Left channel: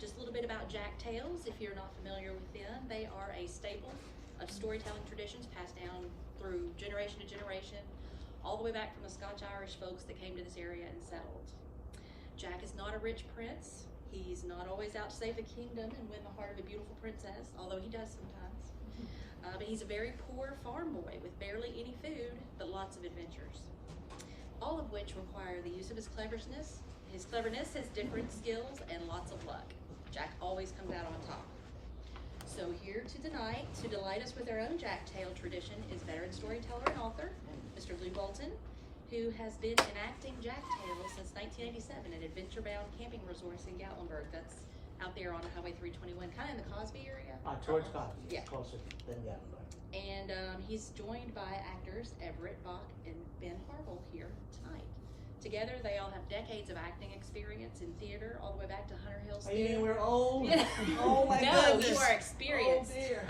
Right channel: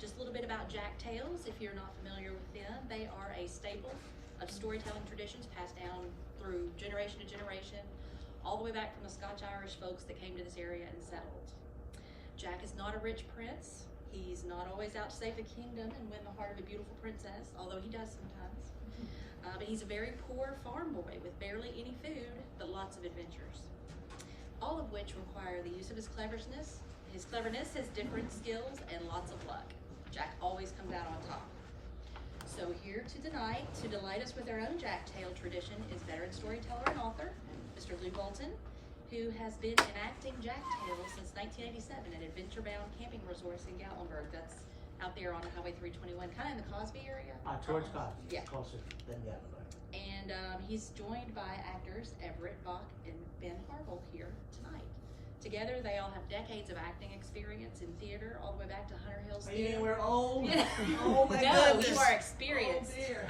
Just a little bit about Jack Tales, if you're not familiar with them. They are a staple of storytelling traditions passed down through generation to generation, all the way back from the Scotch-Irish folks that came to this area and settled. Jack is not a rich prince. He's not always out to save the kingdom and win the heart of a beautiful princess, although he does sometimes. But he's a very poor farm boy with barely any food, but lots of adventures, all of which require the use of his cleverness, his different skills, and lots of luck. Jack always comes out on top. So here tonight to delight us with our own Jack Tale tradition is veteran storyteller and author, Mr. Lew Bolton, who has been enacting Jack Tales since 1987 at Adventure Bound Camping Resorts in Gatlinburg. That's out there on Highway 321, kind of in the Cosby area. Towards Cosby, yeah. Closer than Gatlinburg. And he's joined by actors Everette, Bach, and Harville here tonight. Together, they all have decades of acting experience in theater, all the way back to Hunter Hill's Theater. We're old. Yeah. Oh my no, goodness. you are experienced. Oh dear.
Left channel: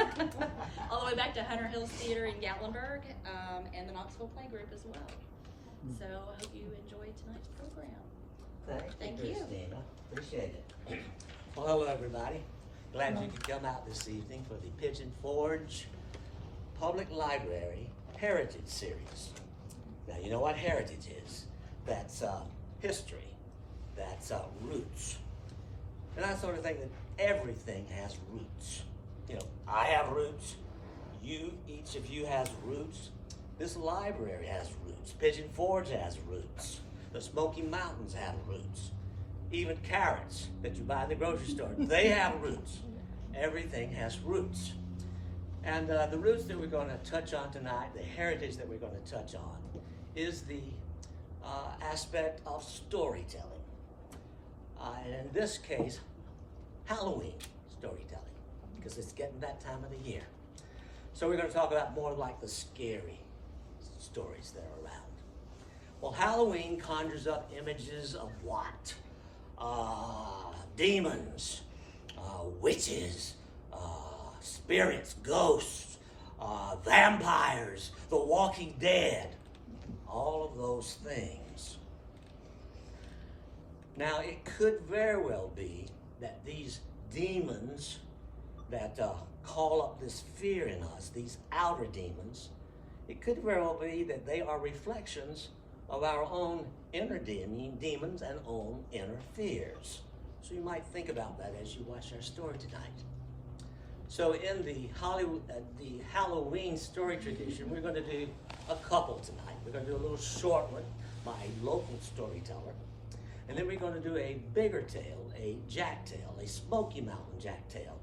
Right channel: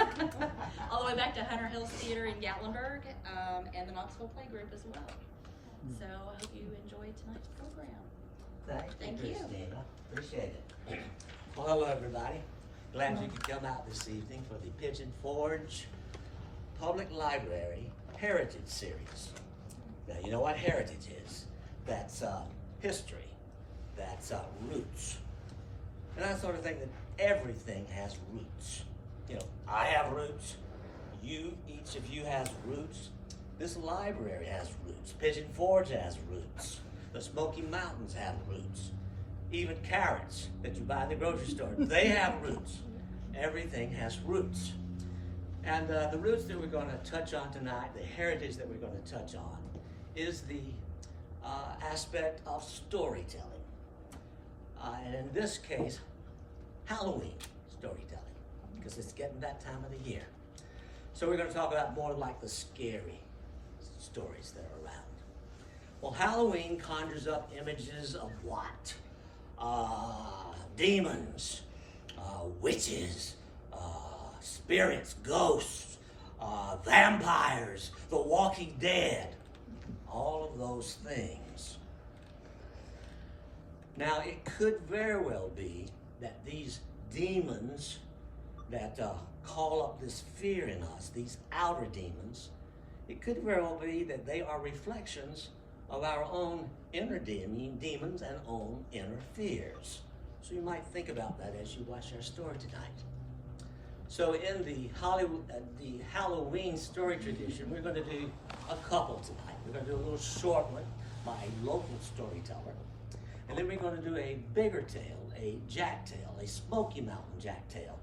All the way back to Hunter Hill's Theater in Gatlinburg, and the Knoxville Play Group as well. So I hope you enjoyed tonight's program. Thank you, Christina. Appreciate it. Well, hello, everybody. Glad you could come out this evening for the Pigeon Forge Public Library Heritage Series. Now, you know what heritage is. That's history. That's roots. And I sort of think that everything has roots. You know, I have roots. Each of you has roots. This library has roots. Pigeon Forge has roots. The Smoky Mountains have roots. Even carrots that you buy in the grocery store, they have roots. Everything has roots. And the roots that we're going to touch on tonight, the heritage that we're going to touch on, is the aspect of storytelling. And in this case, Halloween storytelling, because it's getting that time of the year. So we're going to talk about more like the scary stories that are around. Well, Halloween conjures up images of what? Demons, witches, spirits, ghosts, vampires, the Walking Dead, all of those things. Now, it could very well be that these demons that call up this fear in us, these outer demons, it could very well be that they are reflections of our own inner demons and own inner fears. So you might think about that as you watch our story tonight. So in the Halloween story tradition, we're going to do a couple tonight. We're going to do a little short one by a local storyteller. And then we're going to do a bigger tale, a Jack tale, a Smoky Mountain Jack tale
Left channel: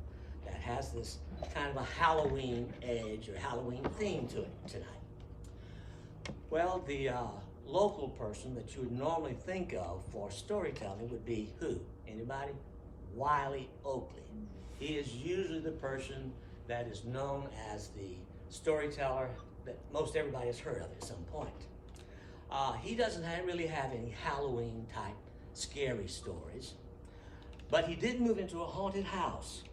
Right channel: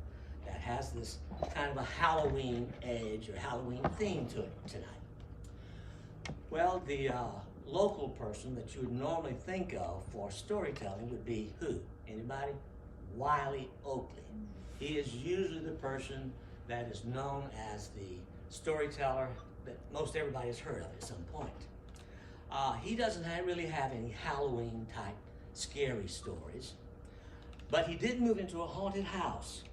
that has this kind of a Halloween edge or Halloween theme to it tonight. Well, the local person that you would normally think of for storytelling would be who? Anybody? Wiley Oakley. He is usually the person that is known as the storyteller that most everybody has heard of at some point. He doesn't really have any Halloween type scary stories, but he did move into a haunted house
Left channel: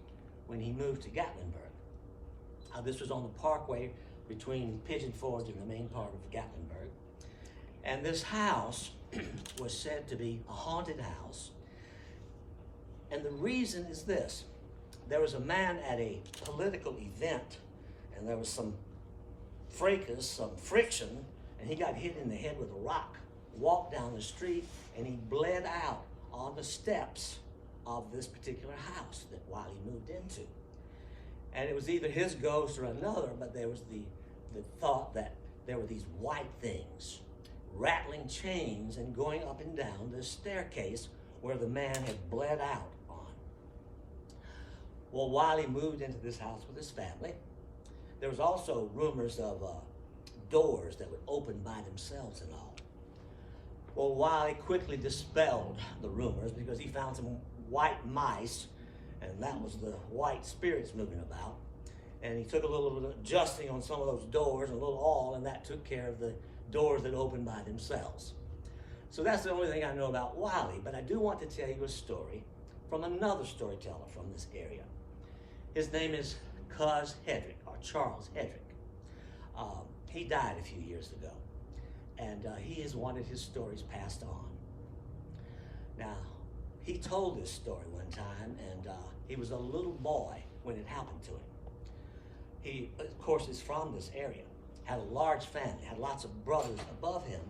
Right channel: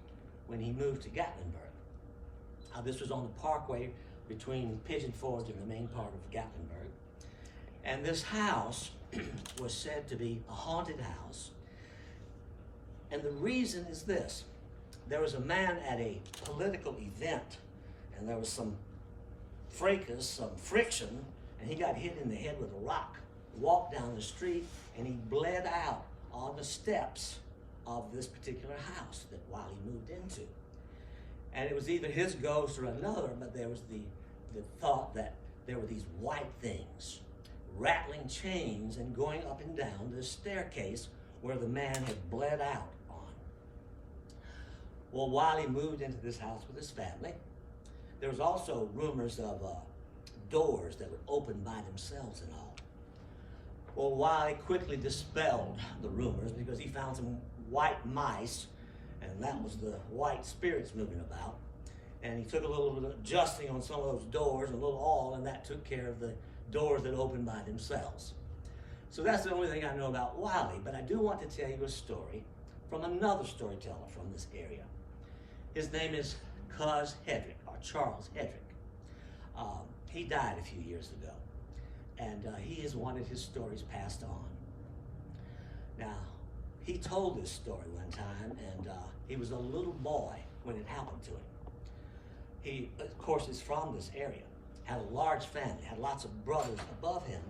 when he moved to Gatlinburg. This was on the parkway between Pigeon Forge and the main part of Gatlinburg. And this house was said to be a haunted house. And the reason is this. There was a man at a political event, and there was some fracas, some friction, and he got hit in the head with a rock, walked down the street, and he bled out on the steps of this particular house that Wiley moved into. And it was either his ghost or another, but there was the thought that there were these white things rattling chains and going up and down the staircase where the man had bled out on. Well, Wiley moved into this house with his family. There was also rumors of doors that would open by themselves and all. Well, Wiley quickly dispelled the rumors because he found some white mice, and that was the white spirits moving about. And he took a little adjusting on some of those doors, a little awl, and that took care of the doors that opened by themselves. So that's the only thing I know about Wiley, but I do want to tell you a story from another storyteller from this area. His name is Cuz Hedrick, or Charles Hedrick. He died a few years ago, and he has wanted his stories passed on. Now, he told this story one time, and he was a little boy when it happened to him. He, of course, is from this area, had a large family, had lots of brothers above him,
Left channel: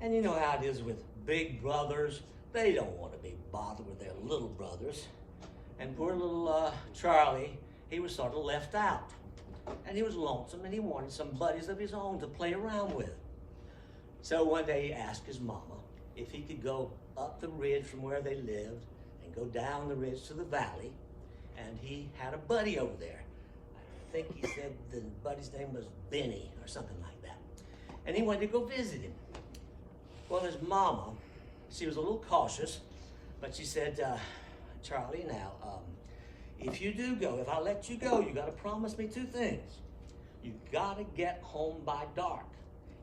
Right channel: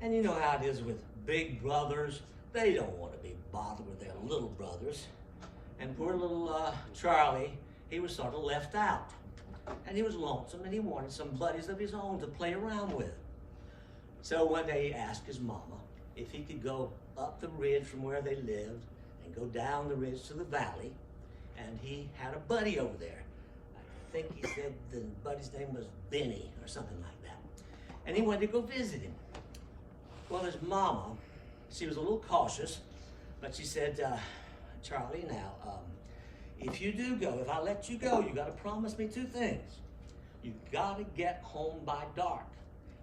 and you know how it is with big brothers. They don't want to be bothered with their little brothers. And poor little Charlie, he was sort of left out. And he was lonesome, and he wanted some buddies of his own to play around with. So one day he asked his mama if he could go up the ridge from where they lived and go down the ridge to the valley. And he had a buddy over there. I think he said the buddy's name was Benny or something like that. And he wanted to go visit him. Well, his mama, she was a little cautious, but she said, Charlie, now, if you do go, if I let you go, you got to promise me two things. You got to get home by dark.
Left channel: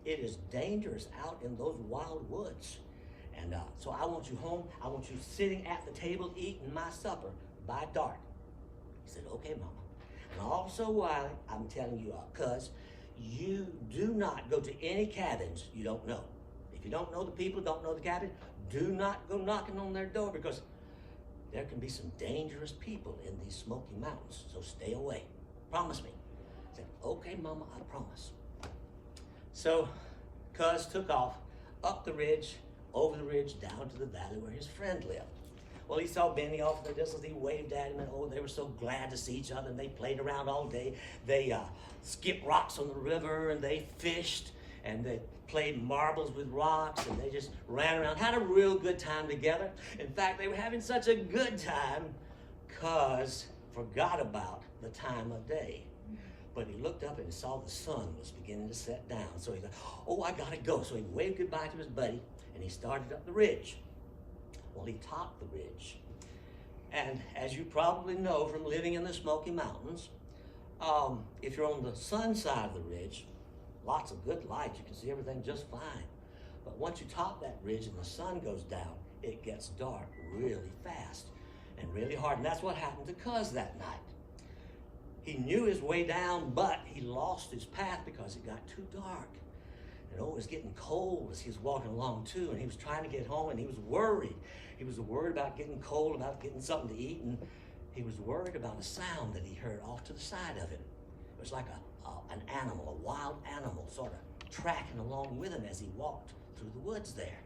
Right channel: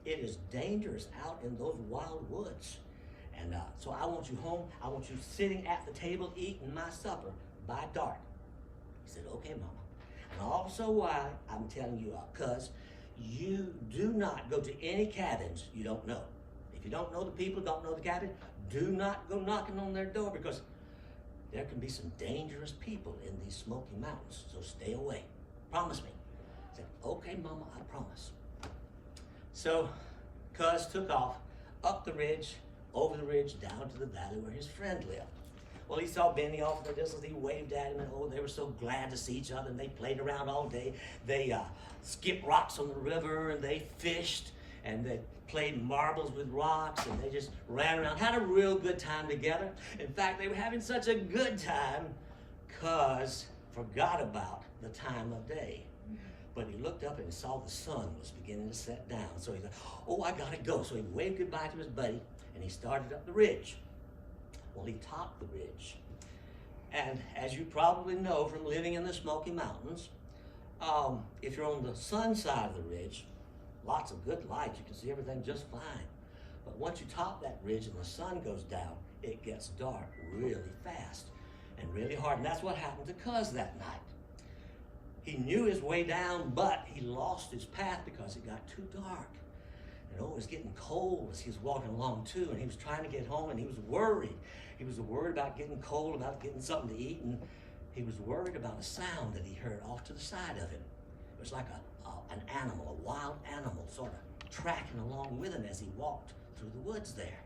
It is dangerous out in those wild woods. And so I want you home. I want you sitting at the table eating my supper by dark. He said, okay, Mama. And also why I'm telling you, cuz you do not go to any cabins you don't know. If you don't know the people, don't know the cabin, do not go knocking on their door, because there can be some dangerous people in these Smoky Mountains, so stay away. Promise me. I said, okay, Mama, I promise. So cuz took off up the ridge, over the ridge, down to the valley where his friend lived. Well, he saw Benny off in the distance. He waved at him, and oh, they were so glad to see each other, and they played around all day. They skipped rocks on the river, and they fished, and they played marbles with rocks, and they just ran around, had a real good time together. In fact, they were having such a good time, cuz forgot about the time of day. But he looked up and he saw the sun was beginning to set down. So he said, oh, I gotta go. So he waved goodbye to his buddy, and he started up the ridge. Well, he topped the ridge. And as you probably know from living in the Smoky Mountains, if you're on the sun side of the ridge, lots of good light, you can see everything just fine. But once you top that ridge and the sun goes down, it gets dark really fast and really hard. And that's what happened to Cuz that night. He knew his way down, but he lost his path because it got too dark. And oh, it was getting cold as he was walking along too, and he was trying to get home, and he was worried. He was worried about getting cold, about getting something to eat, and he was worried about a sound that he heard off to the side of him. It was like an animal, a wild animal, sort of tracking along with him as he walked through the woods there.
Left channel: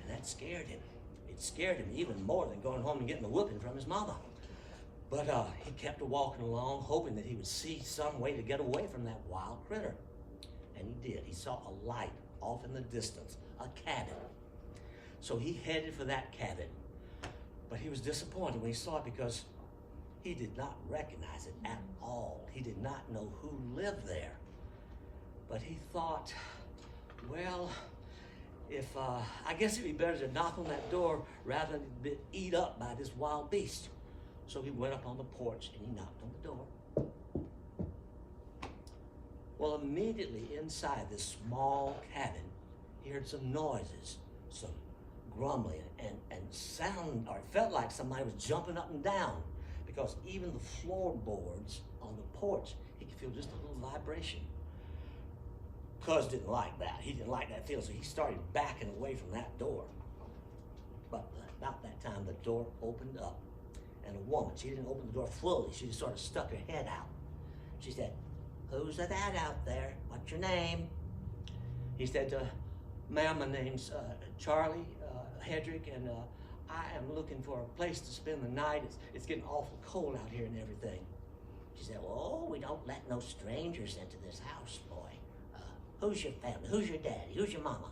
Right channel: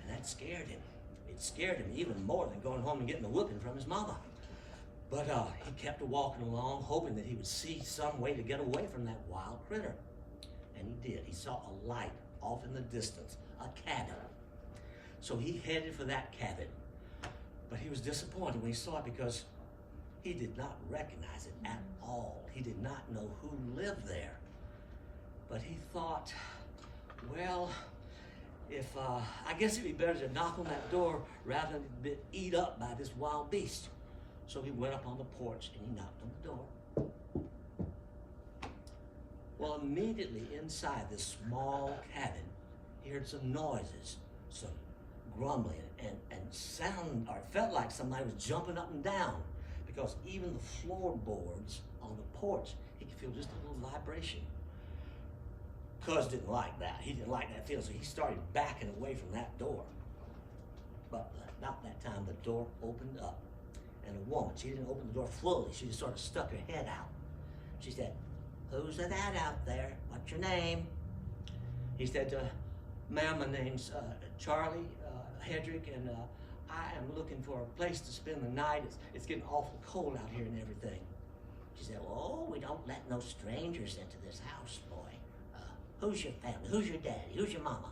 And that scared him. It scared him even more than going home and getting a whooping from his mama. But he kept walking along, hoping that he would see some way to get away from that wild critter. And he did. He saw a light off in the distance, a cabin. So he headed for that cabin. But he was disappointed when he saw it, because he did not recognize it at all. He did not know who lived there. But he thought, well, if I guess it'd be better to knock on that door rather than be eat up by this wild beast. So he went up on the porch and he knocked on the door. Well, immediately inside this small cabin, he heard some noises, some grumbling, and sound, or it felt like somebody was jumping up and down, because even the floorboards on the porch, he could feel just a little vibration. Cuz didn't like that. He didn't like that feel, so he started backing away from that door. But about that time, the door opened up, and a woman, she didn't open the door fully, she just sort of stuck her head out. She said, "Who's that out there? What's your name?" He said, "Ma'am, my name's Charlie Hedrick, and I am looking for a place to spend the night. It's getting awful cold out here and everything." She said, "Oh, we don't let no strangers into this house, boy. Who's your family? Who's your daddy? Who's your mama?"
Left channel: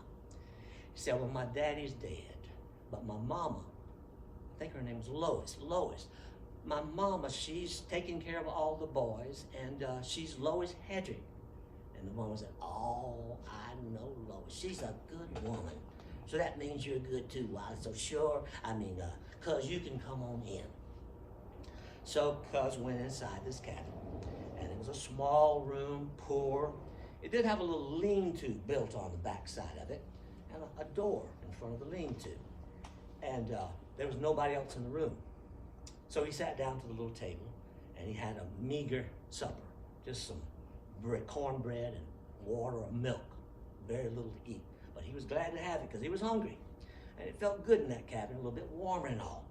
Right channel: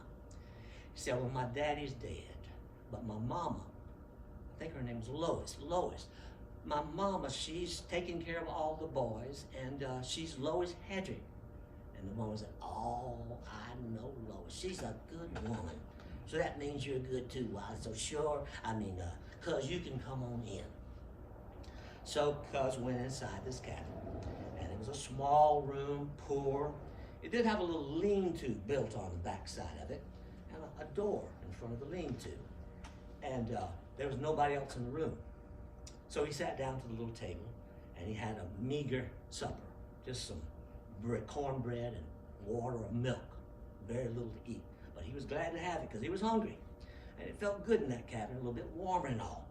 He said, "Well, my daddy's dead, but my mama, I think her name's Lois. My mama, she's taking care of all the boys, and she's Lois Hedrick." And the woman said, "Oh, I know Lois. She's a good woman. So that means you're good too, Wiley. So sure, Cuz you can come on in." So Cuz went inside this cabin, and it was a small room, poor. It did have a little lean-to built on the back side of it, and a door in front of the lean-to. And there was nobody else in the room. So he sat down to the little table, and he had a meager supper, just some cornbread and water or milk, very little to eat. But he was glad to have it because he was hungry. and it felt good in that cabin, a little bit warmer and all.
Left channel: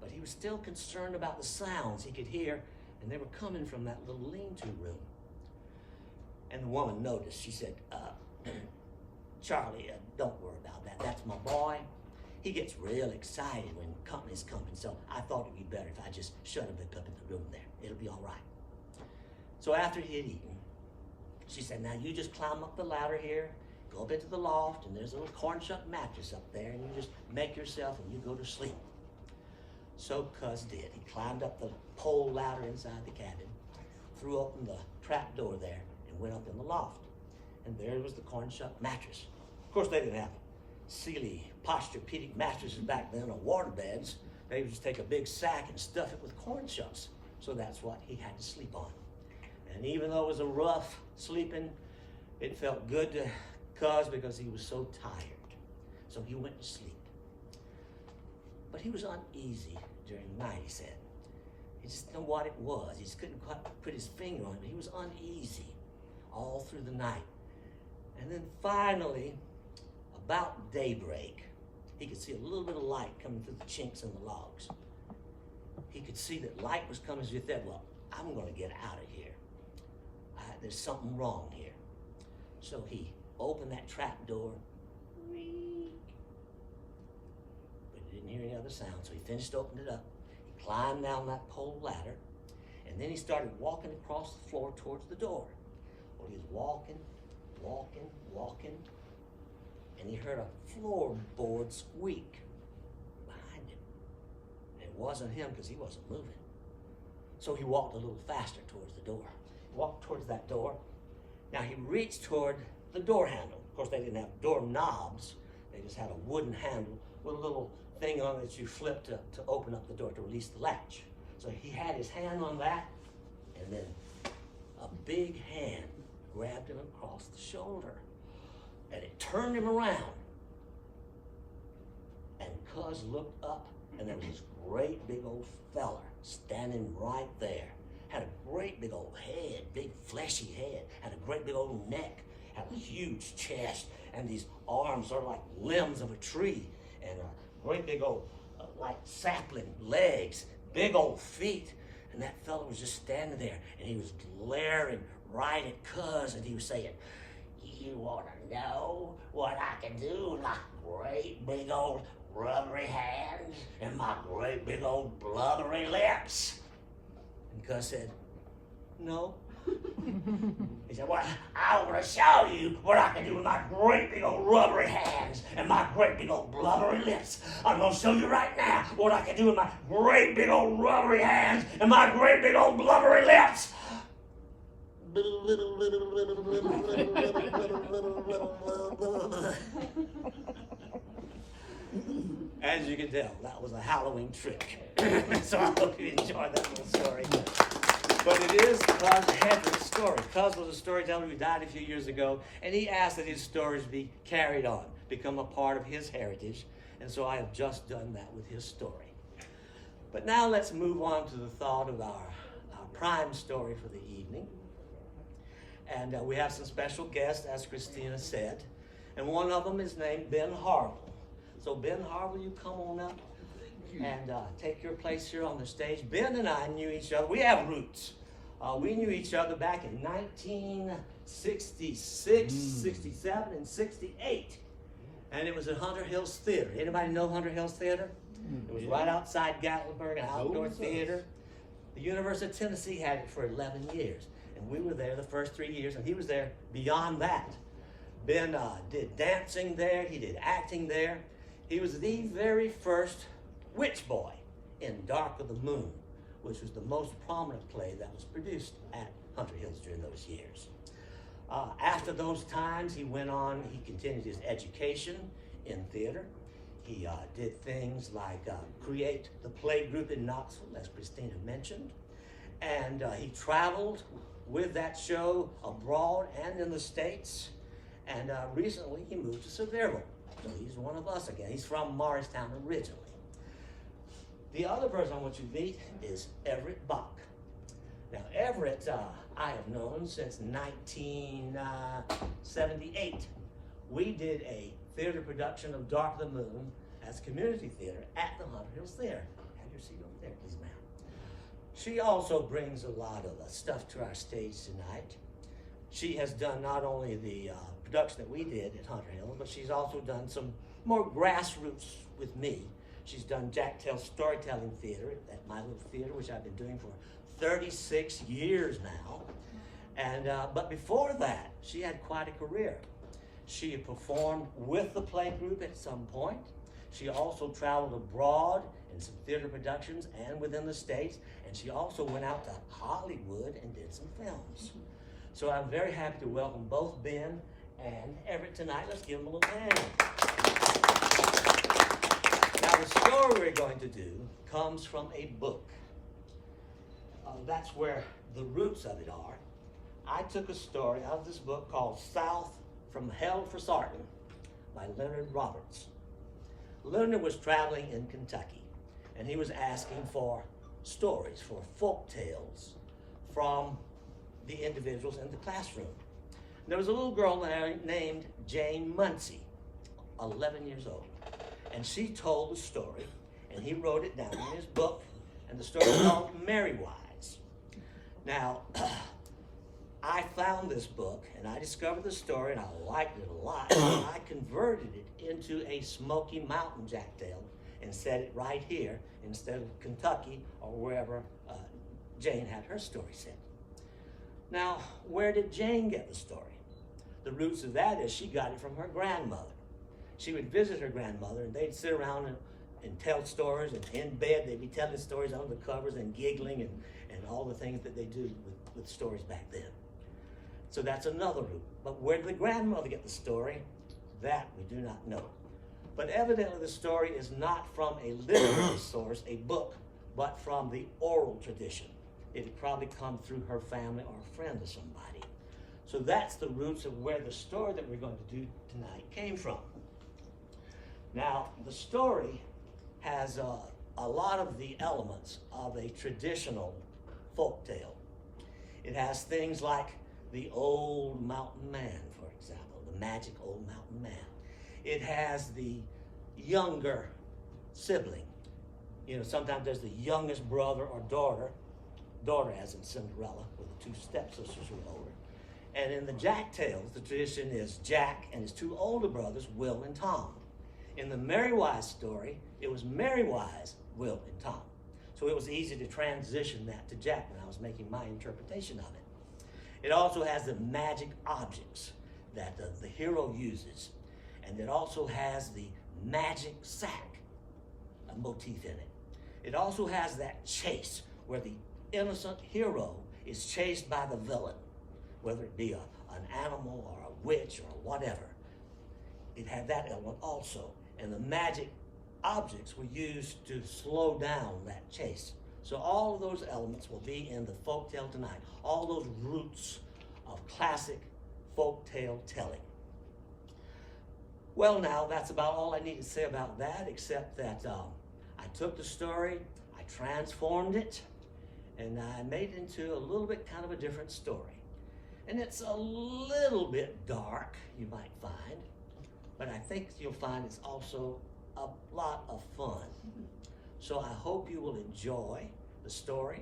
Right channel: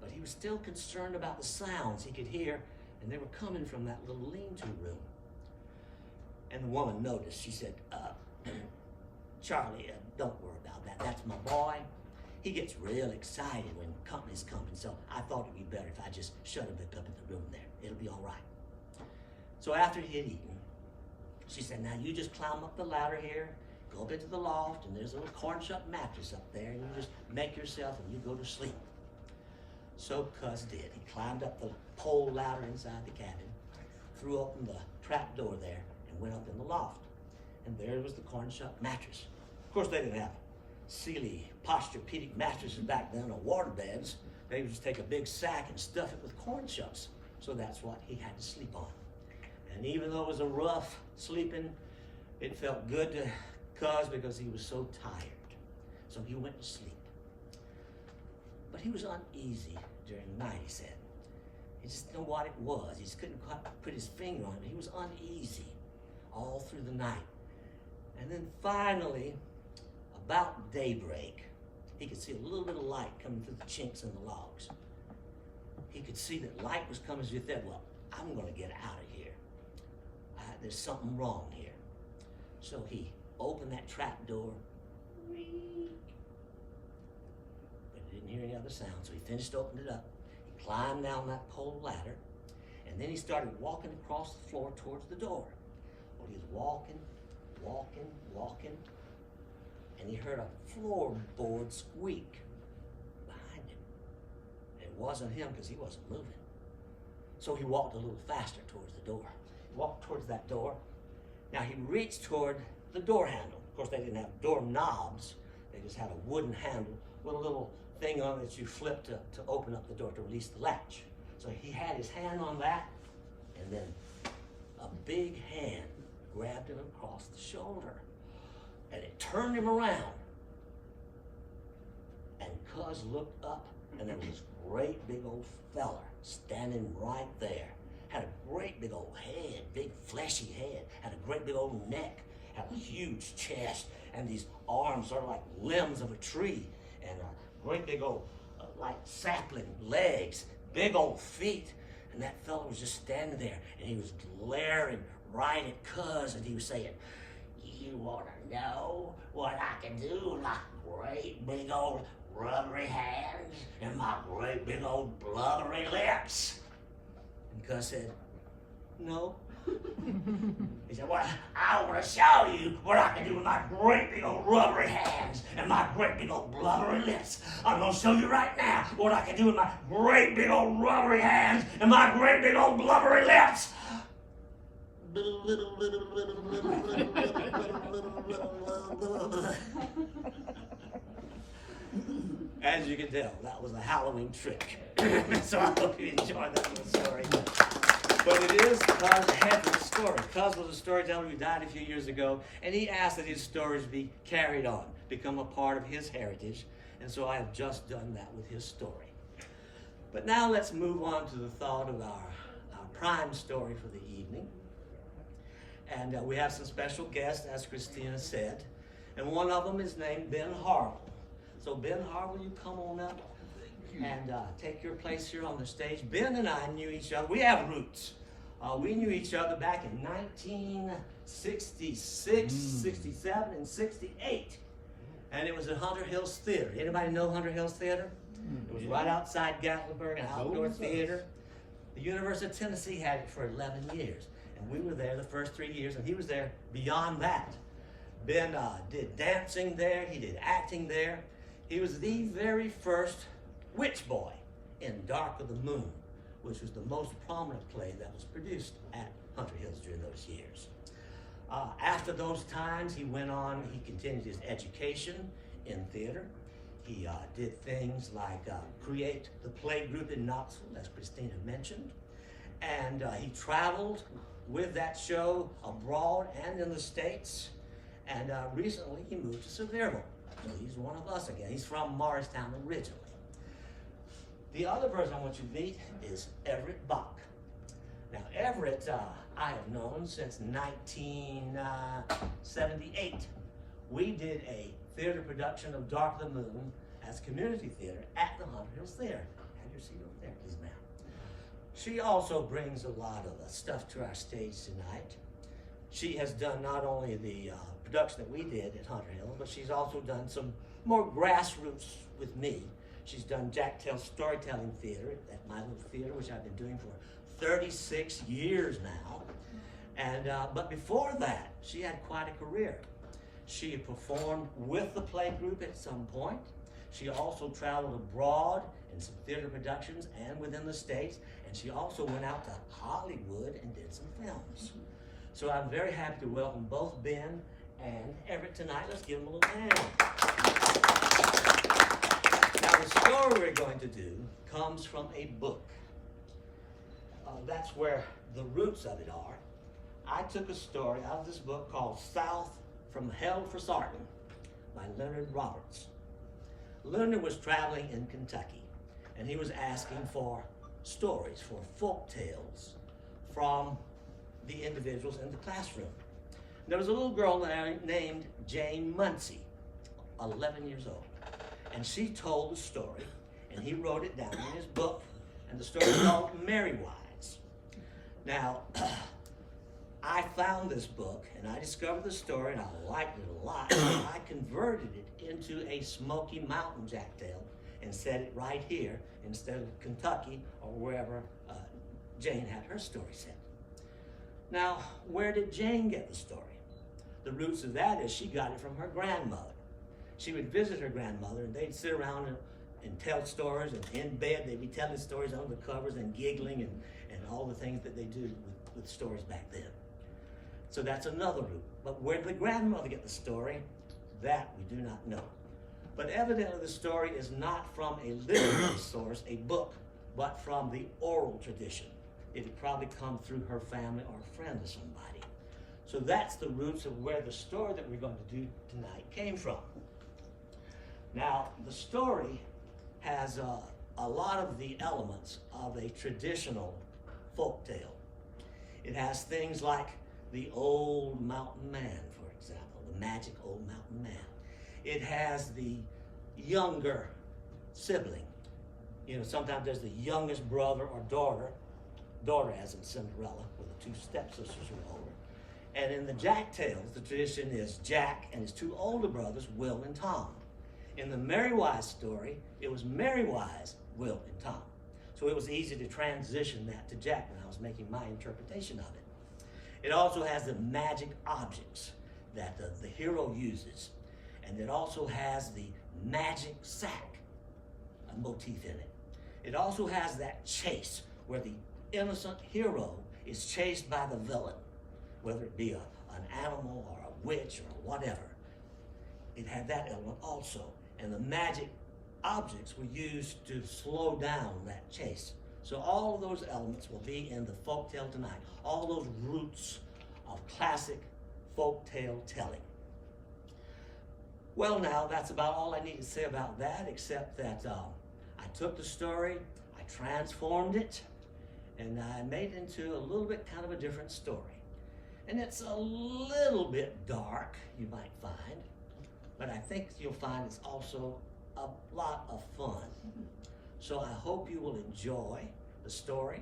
But he was still concerned about the sounds he could hear, and they were coming from that little lean-to room. And the woman noticed. She said, Charlie, don't worry about that. That's my boy. He gets real excited when company's coming, so I thought it'd be better if I just shut him up in the room there. It'll be all right. So after he had eaten, she said, now you just climb up the ladder here, go up into the loft, and there's a little corn-shuck mattress up there, and you just make yourself and you go to sleep. So Cuz did. He climbed up the pole ladder inside the cabin, threw open the trap door there, and went up in the loft. And there was the corn-shuck mattress. Of course, they didn't have Sealy Posturepedic mattresses back then or water beds. They would just take a big sack and stuff it with corn shucks. So that's what he had to sleep on. And even though it was a rough sleeping, it felt good to Cuz because he was so tired. So he went to sleep. But he was uneasy during the night, he said. He just didn't know what it was. He just couldn't quite put his finger on it, but he was uneasy all through the night. And then finally, about daybreak, he could see a little bit of light coming through the chinks in the logs. He could see that light was coming, so he said, well, I'm going to get out of here. There's something wrong here. So he opened that trap door, but he didn't hear any other sound, so he finished opening it up. He climbed down that pole ladder, and then he started walking across the floor towards the door. Well, he was walking, and he heard a floorboard squeak behind him. And it wasn't him because he wasn't moving. So he walked a little faster towards the door. He walked towards that door. Now he reached toward the door handle. Of course, they didn't have door knobs. They just had a wooden handle with a little thing on it that you flip to open up the door to release the latch. So he had his hand on that, and then a big hand grabbed him across the shoulder, and it turned him around. And Cuz looked up, and there was this great big old feller standing right there. Had a great big old head, big fleshy head, had a great big old neck, had a huge chest, and these arms sort of like limbs of a tree, and a great big old like sapling legs, big old feet. And that fellow was just standing there, and he was glaring right at Cuz, and he was saying, you want to know what I can do with my great big old rubbery hands and my great big old blubbery lips? And Cuz said, no. He said, well, I want to show you what I can do with my great big old rubbery hands and my great big old blubbery lips. I'm going to show you right now what I can do with my great big old rubbery hands and my great big old blubbery lips. As you can tell, that was a Halloween trick. So I hope you enjoyed that little story. But it is Cuz Hedrick's story. Cuz was a storyteller who died a few years ago, and he asked that his stories be carried on, become a part of his heritage, and so I have just done that with his story. But now let's move on to the thought of our prime story for the evening. And we have some special guests, as Christina said, and one of them is named Ben Harville. So Ben Harville, you come on up and take your place here on the stage. Ben and I knew each other. We have roots. We knew each other back in 1966, 67, and 68. And it was at Hunter Hills Theater. Anybody know Hunter Hills Theater? It was right outside Gatlinburg, an outdoor theater. The University of Tennessee had it for 11 years. And we were there the first 3 years, and he was there beyond that. Ben did dancing there. He did acting there. He was the very first witch boy in Dark of the Moon, which was the most prominent play that was produced at Hunter Hills during those years. After those times, he went on, he continued his education in theater. He did things like create the play group in Knoxville, as Christina mentioned. And he traveled with that show abroad and in the States. And recently he moved to Sevierville. So he's one of us again. He's from Morristown originally. The other person I want you to meet is Everette Bach. Now Everette I have known since 1978. We did a theater production of Dark of the Moon as community theater at the Harville Theater. Have your seat over there, please, ma'am. She also brings a lot of stuff to our stage tonight. She has done not only the production that we did at Harville, but she's also done some more grassroots with me. She's done Jack Tell's storytelling theater at my little theater, which I've been doing for 36 years now. And but before that, she had quite a career. She performed with the play group at some point. She also traveled abroad in some theater productions and within the States. And she also went out to Hollywood and did some films. So I'm very happy to welcome both Ben and Everette tonight. Let's give them a little hand. Now the story we're going to do comes from a book. That's where the roots of it are. I took a story out of this book called South from Hell for Sarton by Leonard Roberts. Leonard was traveling in Kentucky, and he was asking for stories, for folk tales from the individuals in the classroom. There was a little girl there named Jane Muncie, 11 years old, and she told the story, and he wrote it down in his book, and the story is called Merry Wise. Now, I found this book, and I discovered the story, and I liked it a lot, and I converted it into a Smoky Mountain Jack Tale and set it right here instead of Kentucky or wherever Jane had her story set. Now, where did Jane get the story? The roots of that is she got it from her grandmother. She would visit her grandmother, and they'd sit around and tell stories, and in bed they'd be telling stories under the covers and giggling and all the things that they do with stories back then. So that's another root. But where did the grandmother get the story? That we do not know. But evidently the story is not from a literary source, a book, but from the oral tradition. It had probably come through her family or a friend of somebody. So that's the roots of where the story that we're going to do tonight came from. Now, the story has a lot of the elements of a traditional folk tale. It has things like the old mountain man, for example, the magic old mountain man. It has the younger sibling. You know, sometimes there's the youngest brother or daughter as in Cinderella, where the two stepsisters were older. And in the Jack Tales, the tradition is Jack and his two older brothers, Will and Tom. In the Merry Wise story, it was Merry Wise, Will, and Tom. So it was easy to transition that to Jack when I was making my interpretation of it. It also has the magic objects that the hero uses. And it also has the magic sack, a motif in it. It also has that chase where the innocent hero is chased by the villain, whether it be an animal or a witch or whatever. It had that element also. And the magic objects were used to slow down that chase. So all of those elements will be in the folktale tonight. All those roots of classic folktale telling. Well, now that's about all I need to say about that, except that I took the story, I transformed it, and I made it into a little bit kind of a different story. And it's a little bit dark, you might find, but I think you'll find it's also a lot of fun. So I hope you will enjoy the story.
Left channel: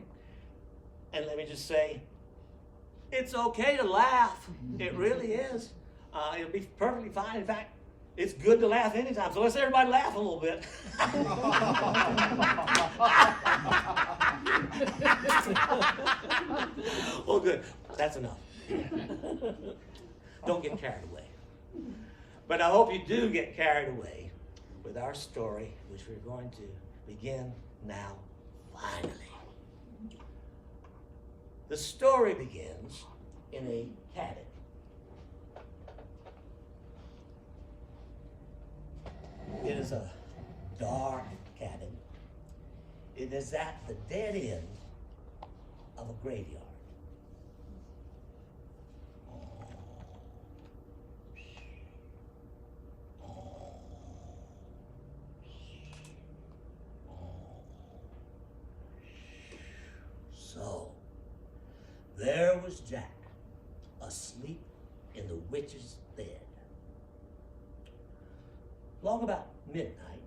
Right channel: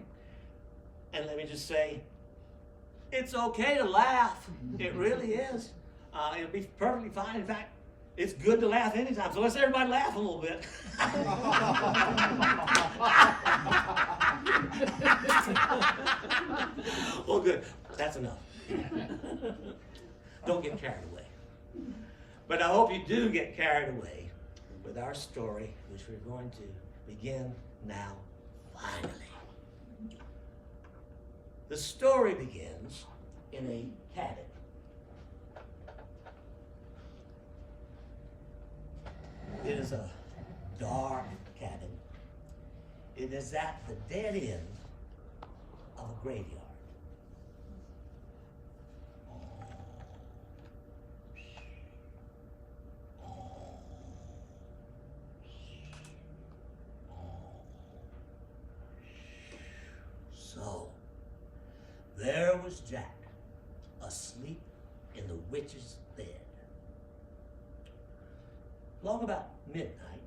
And let me just say, it's okay to laugh. It really is. It'll be perfectly fine. In fact, it's good to laugh anytime. So let's everybody laugh a little bit. Well, good. That's enough. Don't get carried away. But I hope you do get carried away with our story, which we're going to begin now, finally. The story begins in a cabin. It is a dark cabin. It is at the dead end of a graveyard. So, there was Jack, asleep in the witch's bed. Long about midnight,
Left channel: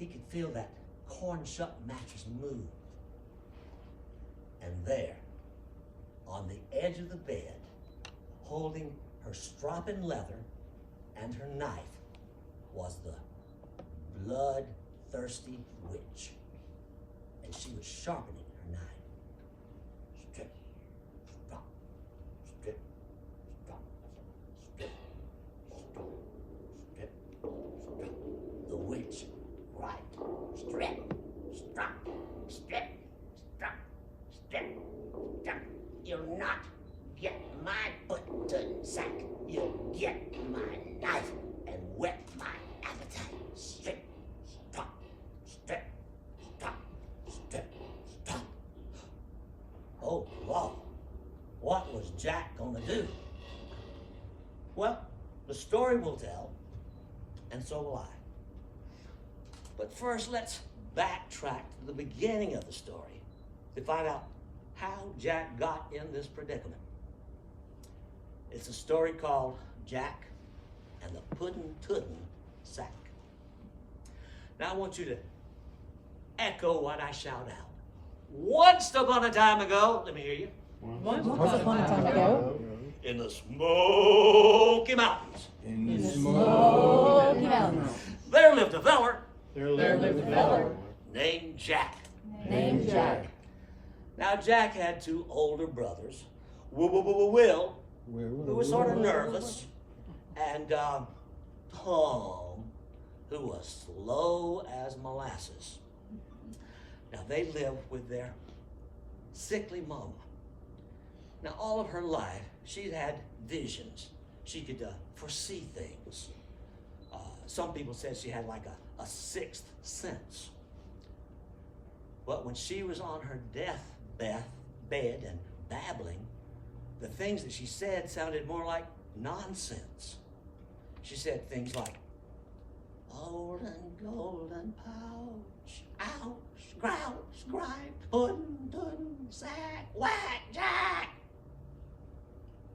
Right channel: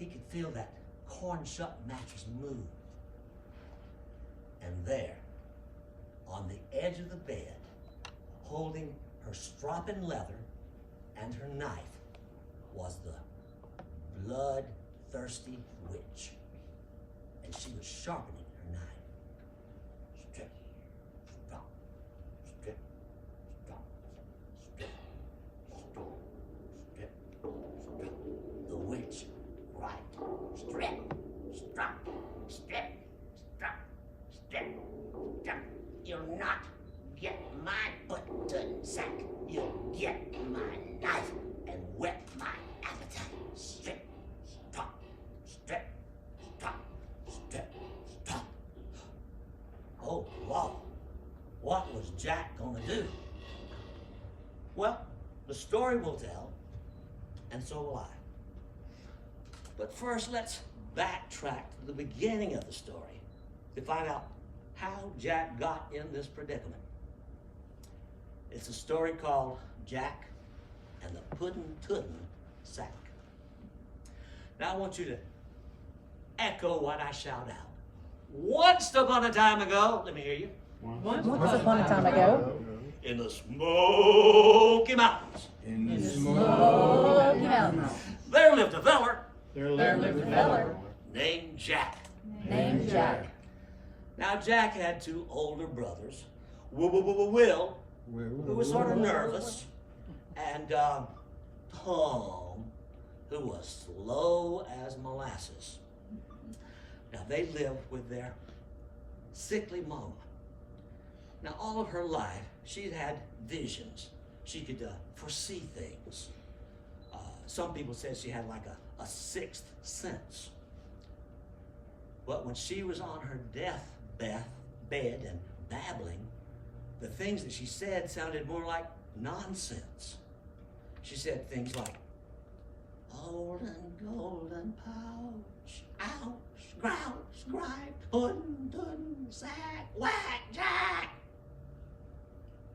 he could feel that corn-shuck mattress move. And there, on the edge of the bed, holding her strop and leather and her knife, was the bloodthirsty witch. And she was sharpening her knife. Strip, strop, strip, strop, strip, strop, strip, strop. The witch, right, strip, strop, strip, strop, strip, strop. You'll not get my Pudden-Tudden Sack. You'll get my knife and whet my appetite. Strip, strop, strip, strop, strip, strop. Oh, wow. What was Jack gonna do? Well, the story will tell, and so will I. But first, let's backtrack to the beginning of the story to find out how Jack got in this predicament. It's a story called Jack and the Pudden-Tudden Sack. Now I want you to echo what I shout out. Once upon a time ago, let me hear you. Once upon a time ago, In the Smoky Mountains, in the Smoky Mountains, there lived a feller there lived a feller named Jack. named Jack. Now Jack had two older brothers, Will, who was sort of nervous, and Tom, who was slow as molasses. Now they lived with their sickly mama. Now all of her life, she'd had visions. She could foresee things. Some people said she had like a sixth sense. But when she was on her deathbed and babbling, the things that she said sounded more like nonsense. She said things like, old and golden pouch, ouch, grouch, gripe, Pudden-Tudden Sack, whack, Jack.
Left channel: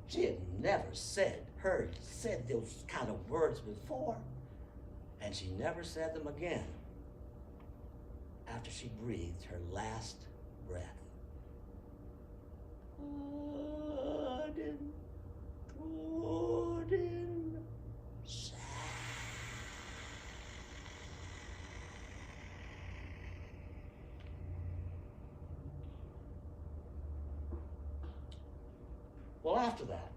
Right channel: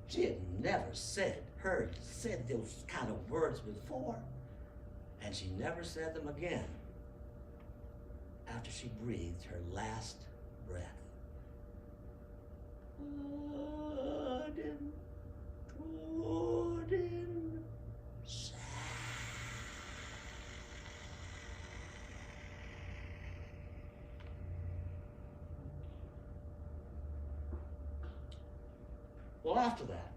She had never said those kind of words before, and she never said them again after she breathed her last breath. Pudden-Tudden Sack. Well, after that,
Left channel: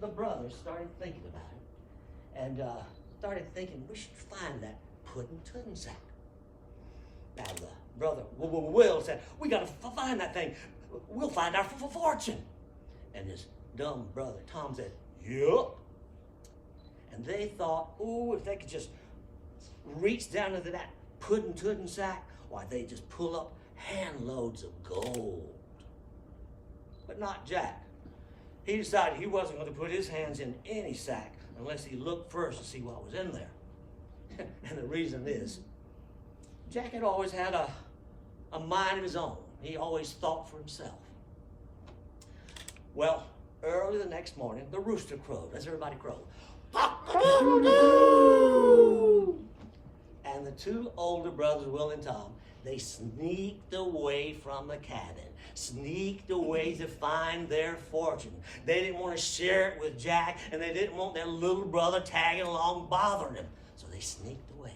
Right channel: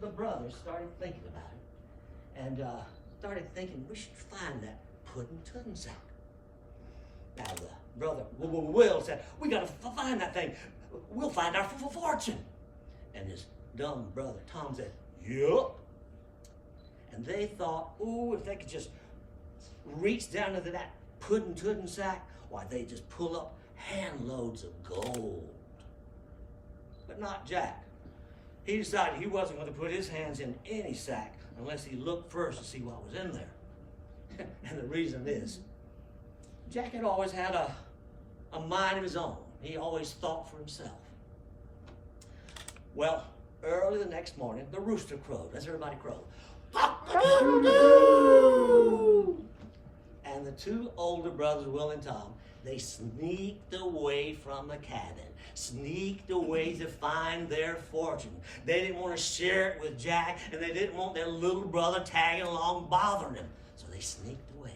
the brothers started thinking about it and started thinking we should find that Pudden-Tudden Sack. Now the brother Will said, we gotta find that thing. We'll find our fortune. And his dumb brother Tom said, yup. And they thought, oh, if they could just reach down into that Pudden-Tudden Sack, why, they'd just pull up handloads of gold. But not Jack. He decided he wasn't going to put his hands in any sack unless he looked first to see what was in there. And the reason is, Jack had always had a mind of his own. He always thought for himself. Well, early the next morning, the rooster crowed. Let's everybody crow. And the two older brothers, Will and Tom, they sneaked away from the cabin, sneaked away to find their fortune. They didn't want to share it with Jack, and they didn't want their little brother tagging along bothering him. So they sneaked away.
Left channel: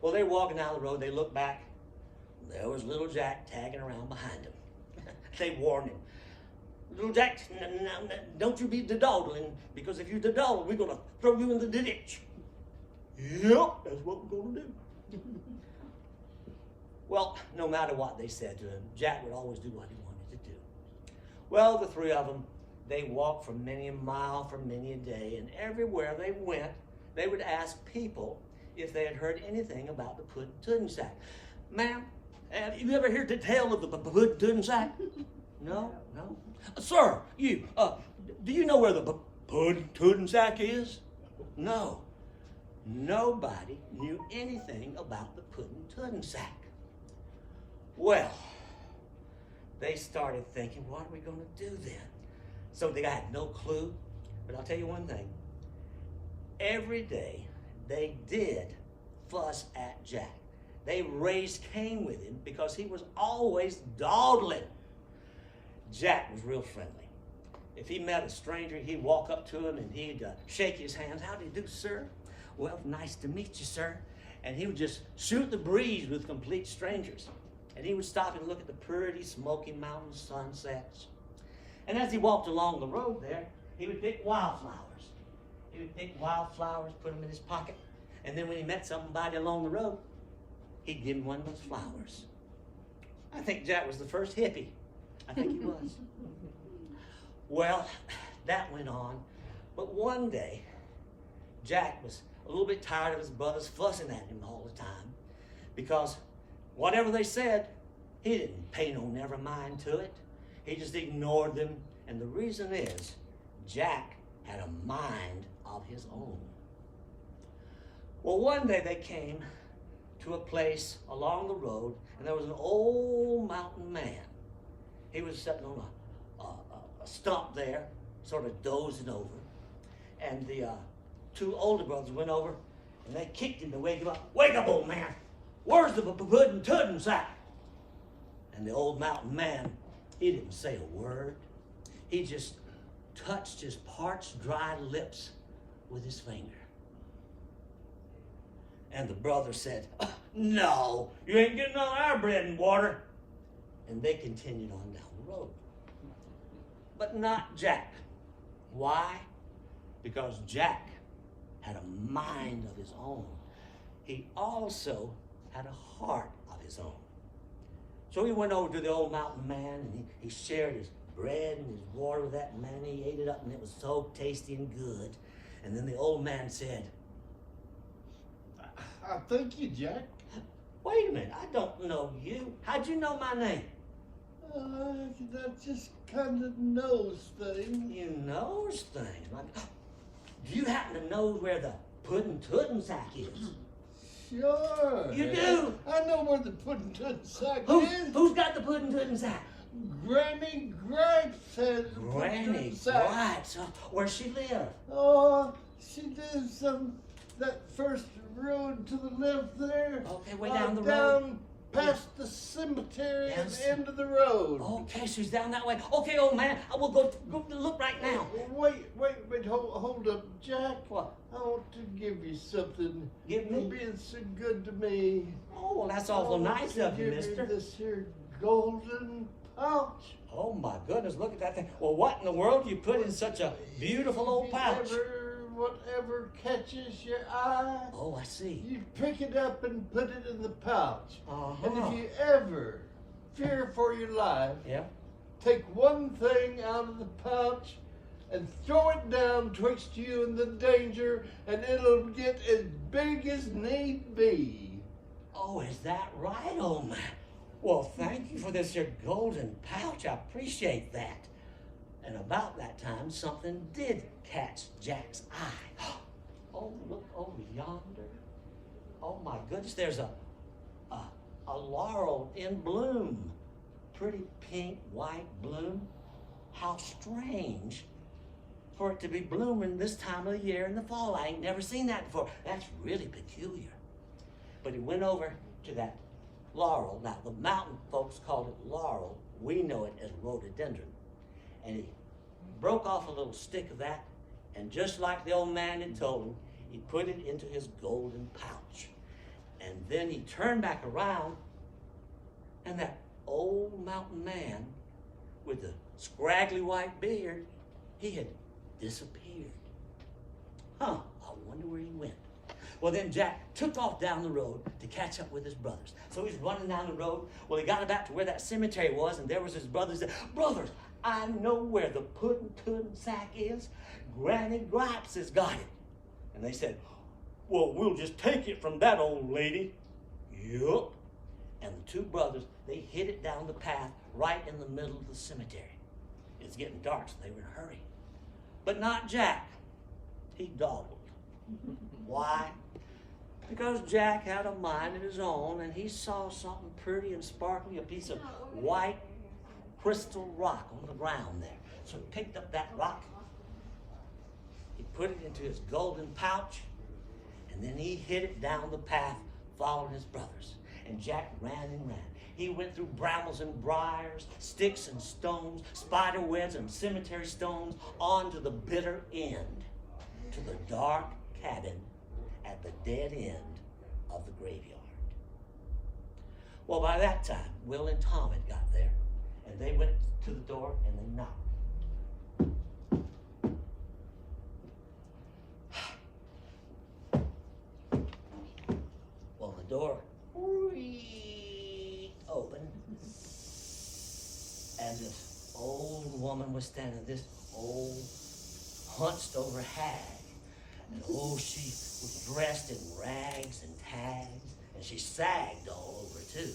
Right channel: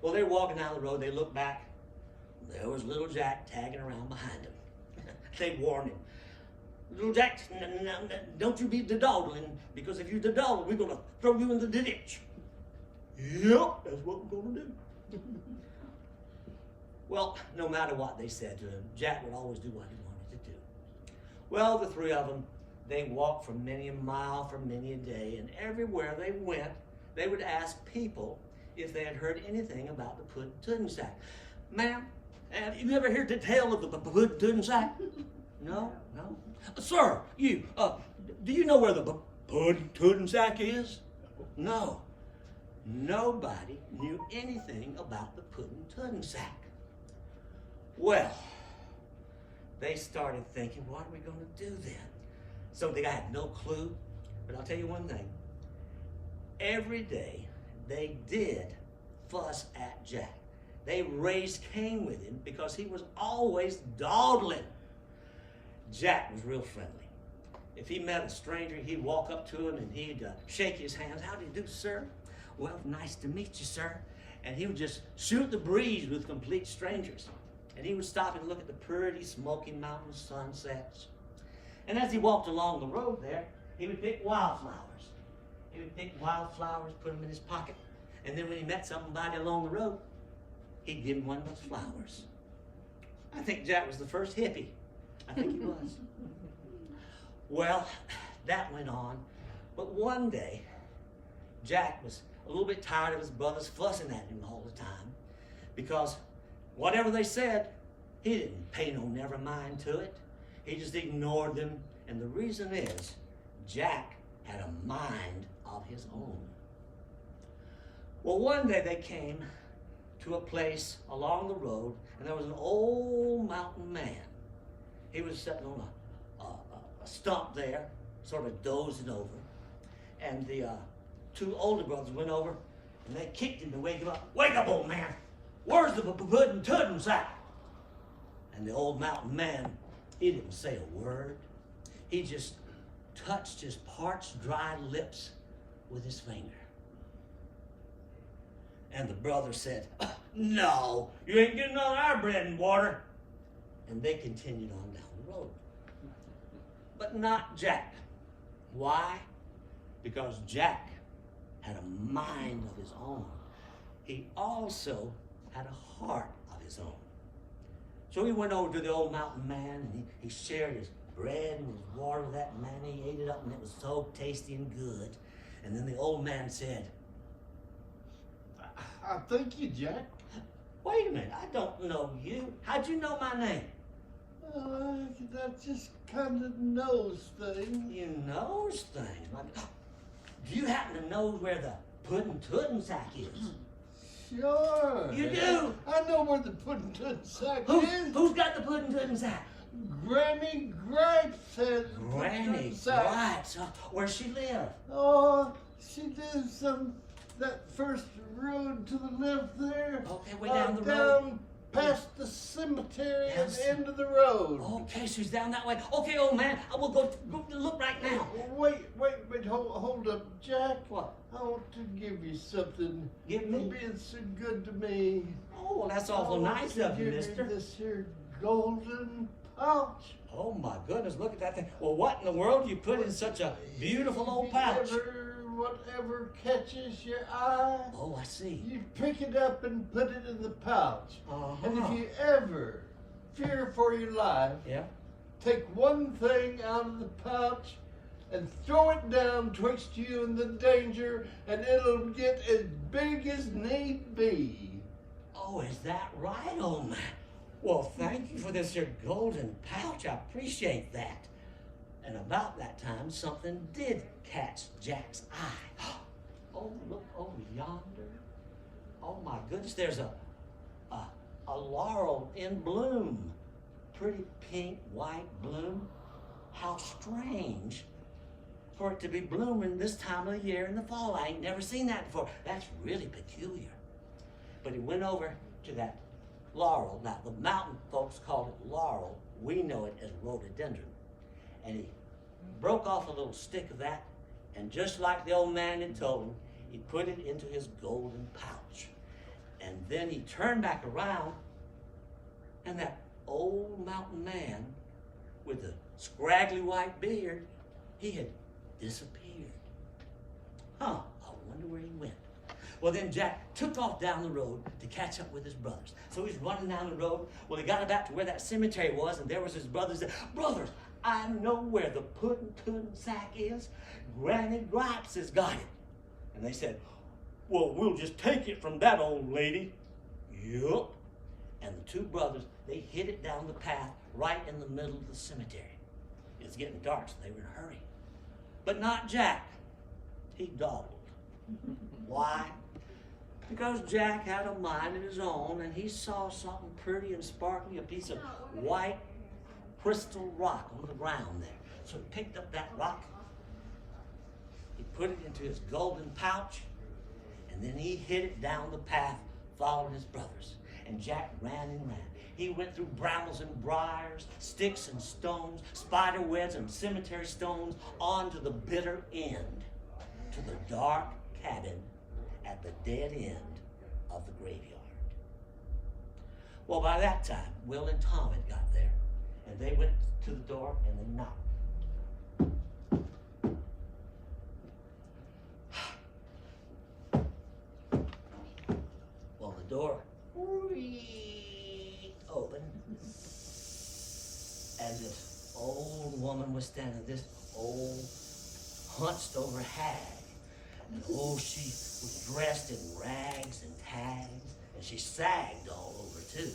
Well, they were walking down the road. They looked back. There was little Jack tagging around behind him. They warned him. Little Jack, don't you be dawdling, because if you dawdle, we're going to throw you in the ditch. Yep, that's what we're going to do. Well, no matter what they said to him, Jack would always do what he wanted to do. Well, the three of them, they walked for many a mile, for many a day, and everywhere they went, they would ask people if they had heard anything about the Pudden-Tudden Sack. Ma'am, have you ever heard the tale of the Pudden-Tudden Sack? No? Sir, you, do you know where the Pudden-Tudden Sack is? No. Nobody knew anything about the Pudden-Tudden Sack. Well, they started thinking, what are we going to do then? So they had no clue, but I'll tell you one thing. Every day, they did fuss at Jack. they raised Cain with him because he was always dawdling. Jack was real friendly. If he met a stranger, he'd walk up to him and he'd shake his hands. How do you do, sir? Well, nice to meet you, sir. And he would just shoot the breeze with complete strangers. And he would stop and look at the pretty Smoky Mountain sunsets. And as he walked along the road there, he would pick wildflowers. He would pick wildflowers, put them in his pocket. And then when he met somebody along the road, he'd give him one of those flowers. I think Jack was the first hippie. I think he was. Well, that went on. But one day, Jack was a little bit tired of his brothers fussing at him all the time, because whatever they said, he didn't pay no never mind to it. He just ignored them. And the reason is, Jack had a mind of his own. Well, one day they came to a place along the road, and there was an old mountain man. He was sitting on a stump there, sort of dozing over. And the two older brothers went over, and they kicked him to wake him up. Wake up, old man! Where's the Pudden-Tudden Sack? And the old mountain man, he didn't say a word. He just touched his parched, dry lips with his finger. And the brother said, no, you ain't getting on our bread and water. And they continued on down the road. But not Jack. Why? Because Jack had a mind of his own. He also had a heart of his own. So he went over to the old mountain man, and he shared his bread and his water with that man. He ate it up, and it was so tasty and good. And then the old man said, I thank you, Jack. wait a minute, I don't know you. How'd you know my name? That just kind of knows things. You knows things. Like, do you happen to know where the Pudden-Tudden Sack is? Sure. You do? I know where the Pudden-Tudden Sack is. Who's got the Pudden-Tudden Sack? Granny Gripes had the Granny Pudden-Tudden Sack. Gripes. Where she live? Oh, she lives that first road to the left there. Okay, way down the road. Down past the cemetery at Yes. the end of the road. Okay, she's down that way. Okay, old man, I will go look right now. Wait, hold up, Jack. What? I want to give you something. Give me? For being so good to me. Oh, well, that's awful nice of you, mister. This here golden pouch. Oh, my goodness, look at that thing. Well, what in the world do you put in such a beautiful old pouch? Whatever catches your eye, Oh, I see. you pick it up and put it in the pouch. Uh-huh. And if you ever fear for your life, Yeah? take one thing out of the pouch and throw it down twixt you and the danger, and it'll get as big as need be. Oh, is that right, old man? Well, thank you for this here golden pouch. I appreciate that. And about that time, something did catch Jack's eye. Oh, look over yonder. Oh, my goodness, there's a laurel in bloom. Pretty pink, white bloom. How strange for it to be blooming this time of the year in the fall. I ain't never seen that before. That's really peculiar. But he went over to that laurel. Now, the mountain folks call it laurel. We know it as rhododendron. And he broke off a little stick of that, and just like the old man had told him, he put it into his golden pouch. And then he turned back around, and that old mountain man with the scraggly white beard, he had disappeared. I wonder where he went. Well, then Jack took off down the road to catch up with his brothers. So he's running down the road. Well, he got about to where that cemetery was, and there was his brothers. Brothers, I know where the Pudden-Tudden Sack is. Granny Gripes has got it. And they said, well, we'll just take it from that old lady. Yup. And the two brothers, they hid it down the path right in the middle of the cemetery. It's getting dark, so they were in a hurry. But not Jack. He dawdled. Why? Because Jack had a mind of his own, and he saw something pretty and sparkly, a piece of white crystal rock on the ground there. So he picked up that rock, he put it into his golden pouch, and then he hid it down the path following his brothers. and Jack ran and ran. He went through brambles and briars, sticks and stones, spider webs and cemetery stones, on to the bitter end, to the dark cabin at the dead end of the graveyard. Well, by that time, Will and Tom had got there, and they went to the door and they knocked. Well, the door opened, and this old woman was standing, this old hunched over hag. And oh, she was dressed in rags and tags, and she sagged all over too.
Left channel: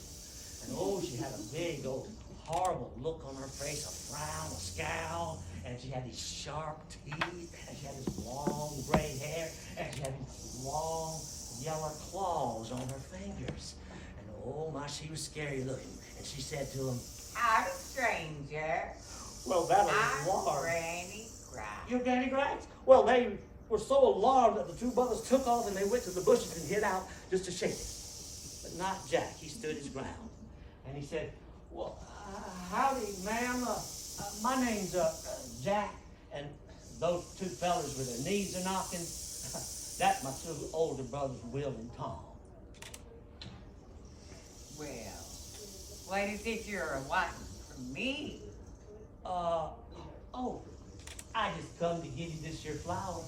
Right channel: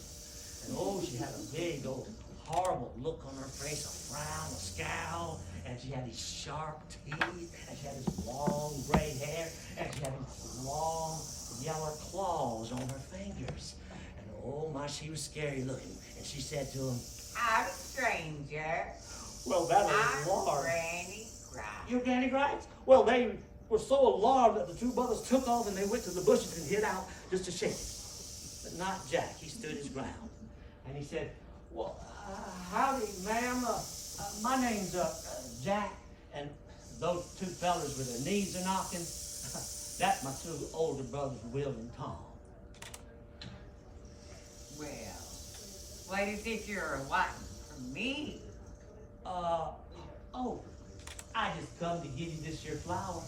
And oh, she had a big old horrible look on her face, a frown, a scowl, and she had these sharp teeth, and she had this long gray hair, and she had these long yellow claws on her fingers. And oh my, she was scary looking. And she said to him, I'm a stranger. well, that I'm alarmed. Granny Grice. You're Granny Grice? Well, they were so alarmed that the two brothers took off and they went to the bushes and hid out just to shake it. But not Jack. He stood his ground. And he said, well, howdy, ma'am. My name's Jack. And those two fellas with their knees are knocking, that's my two older brothers, Will and Tom. Well, what is it you're wanting from me? Oh, I just come to give you this here flower.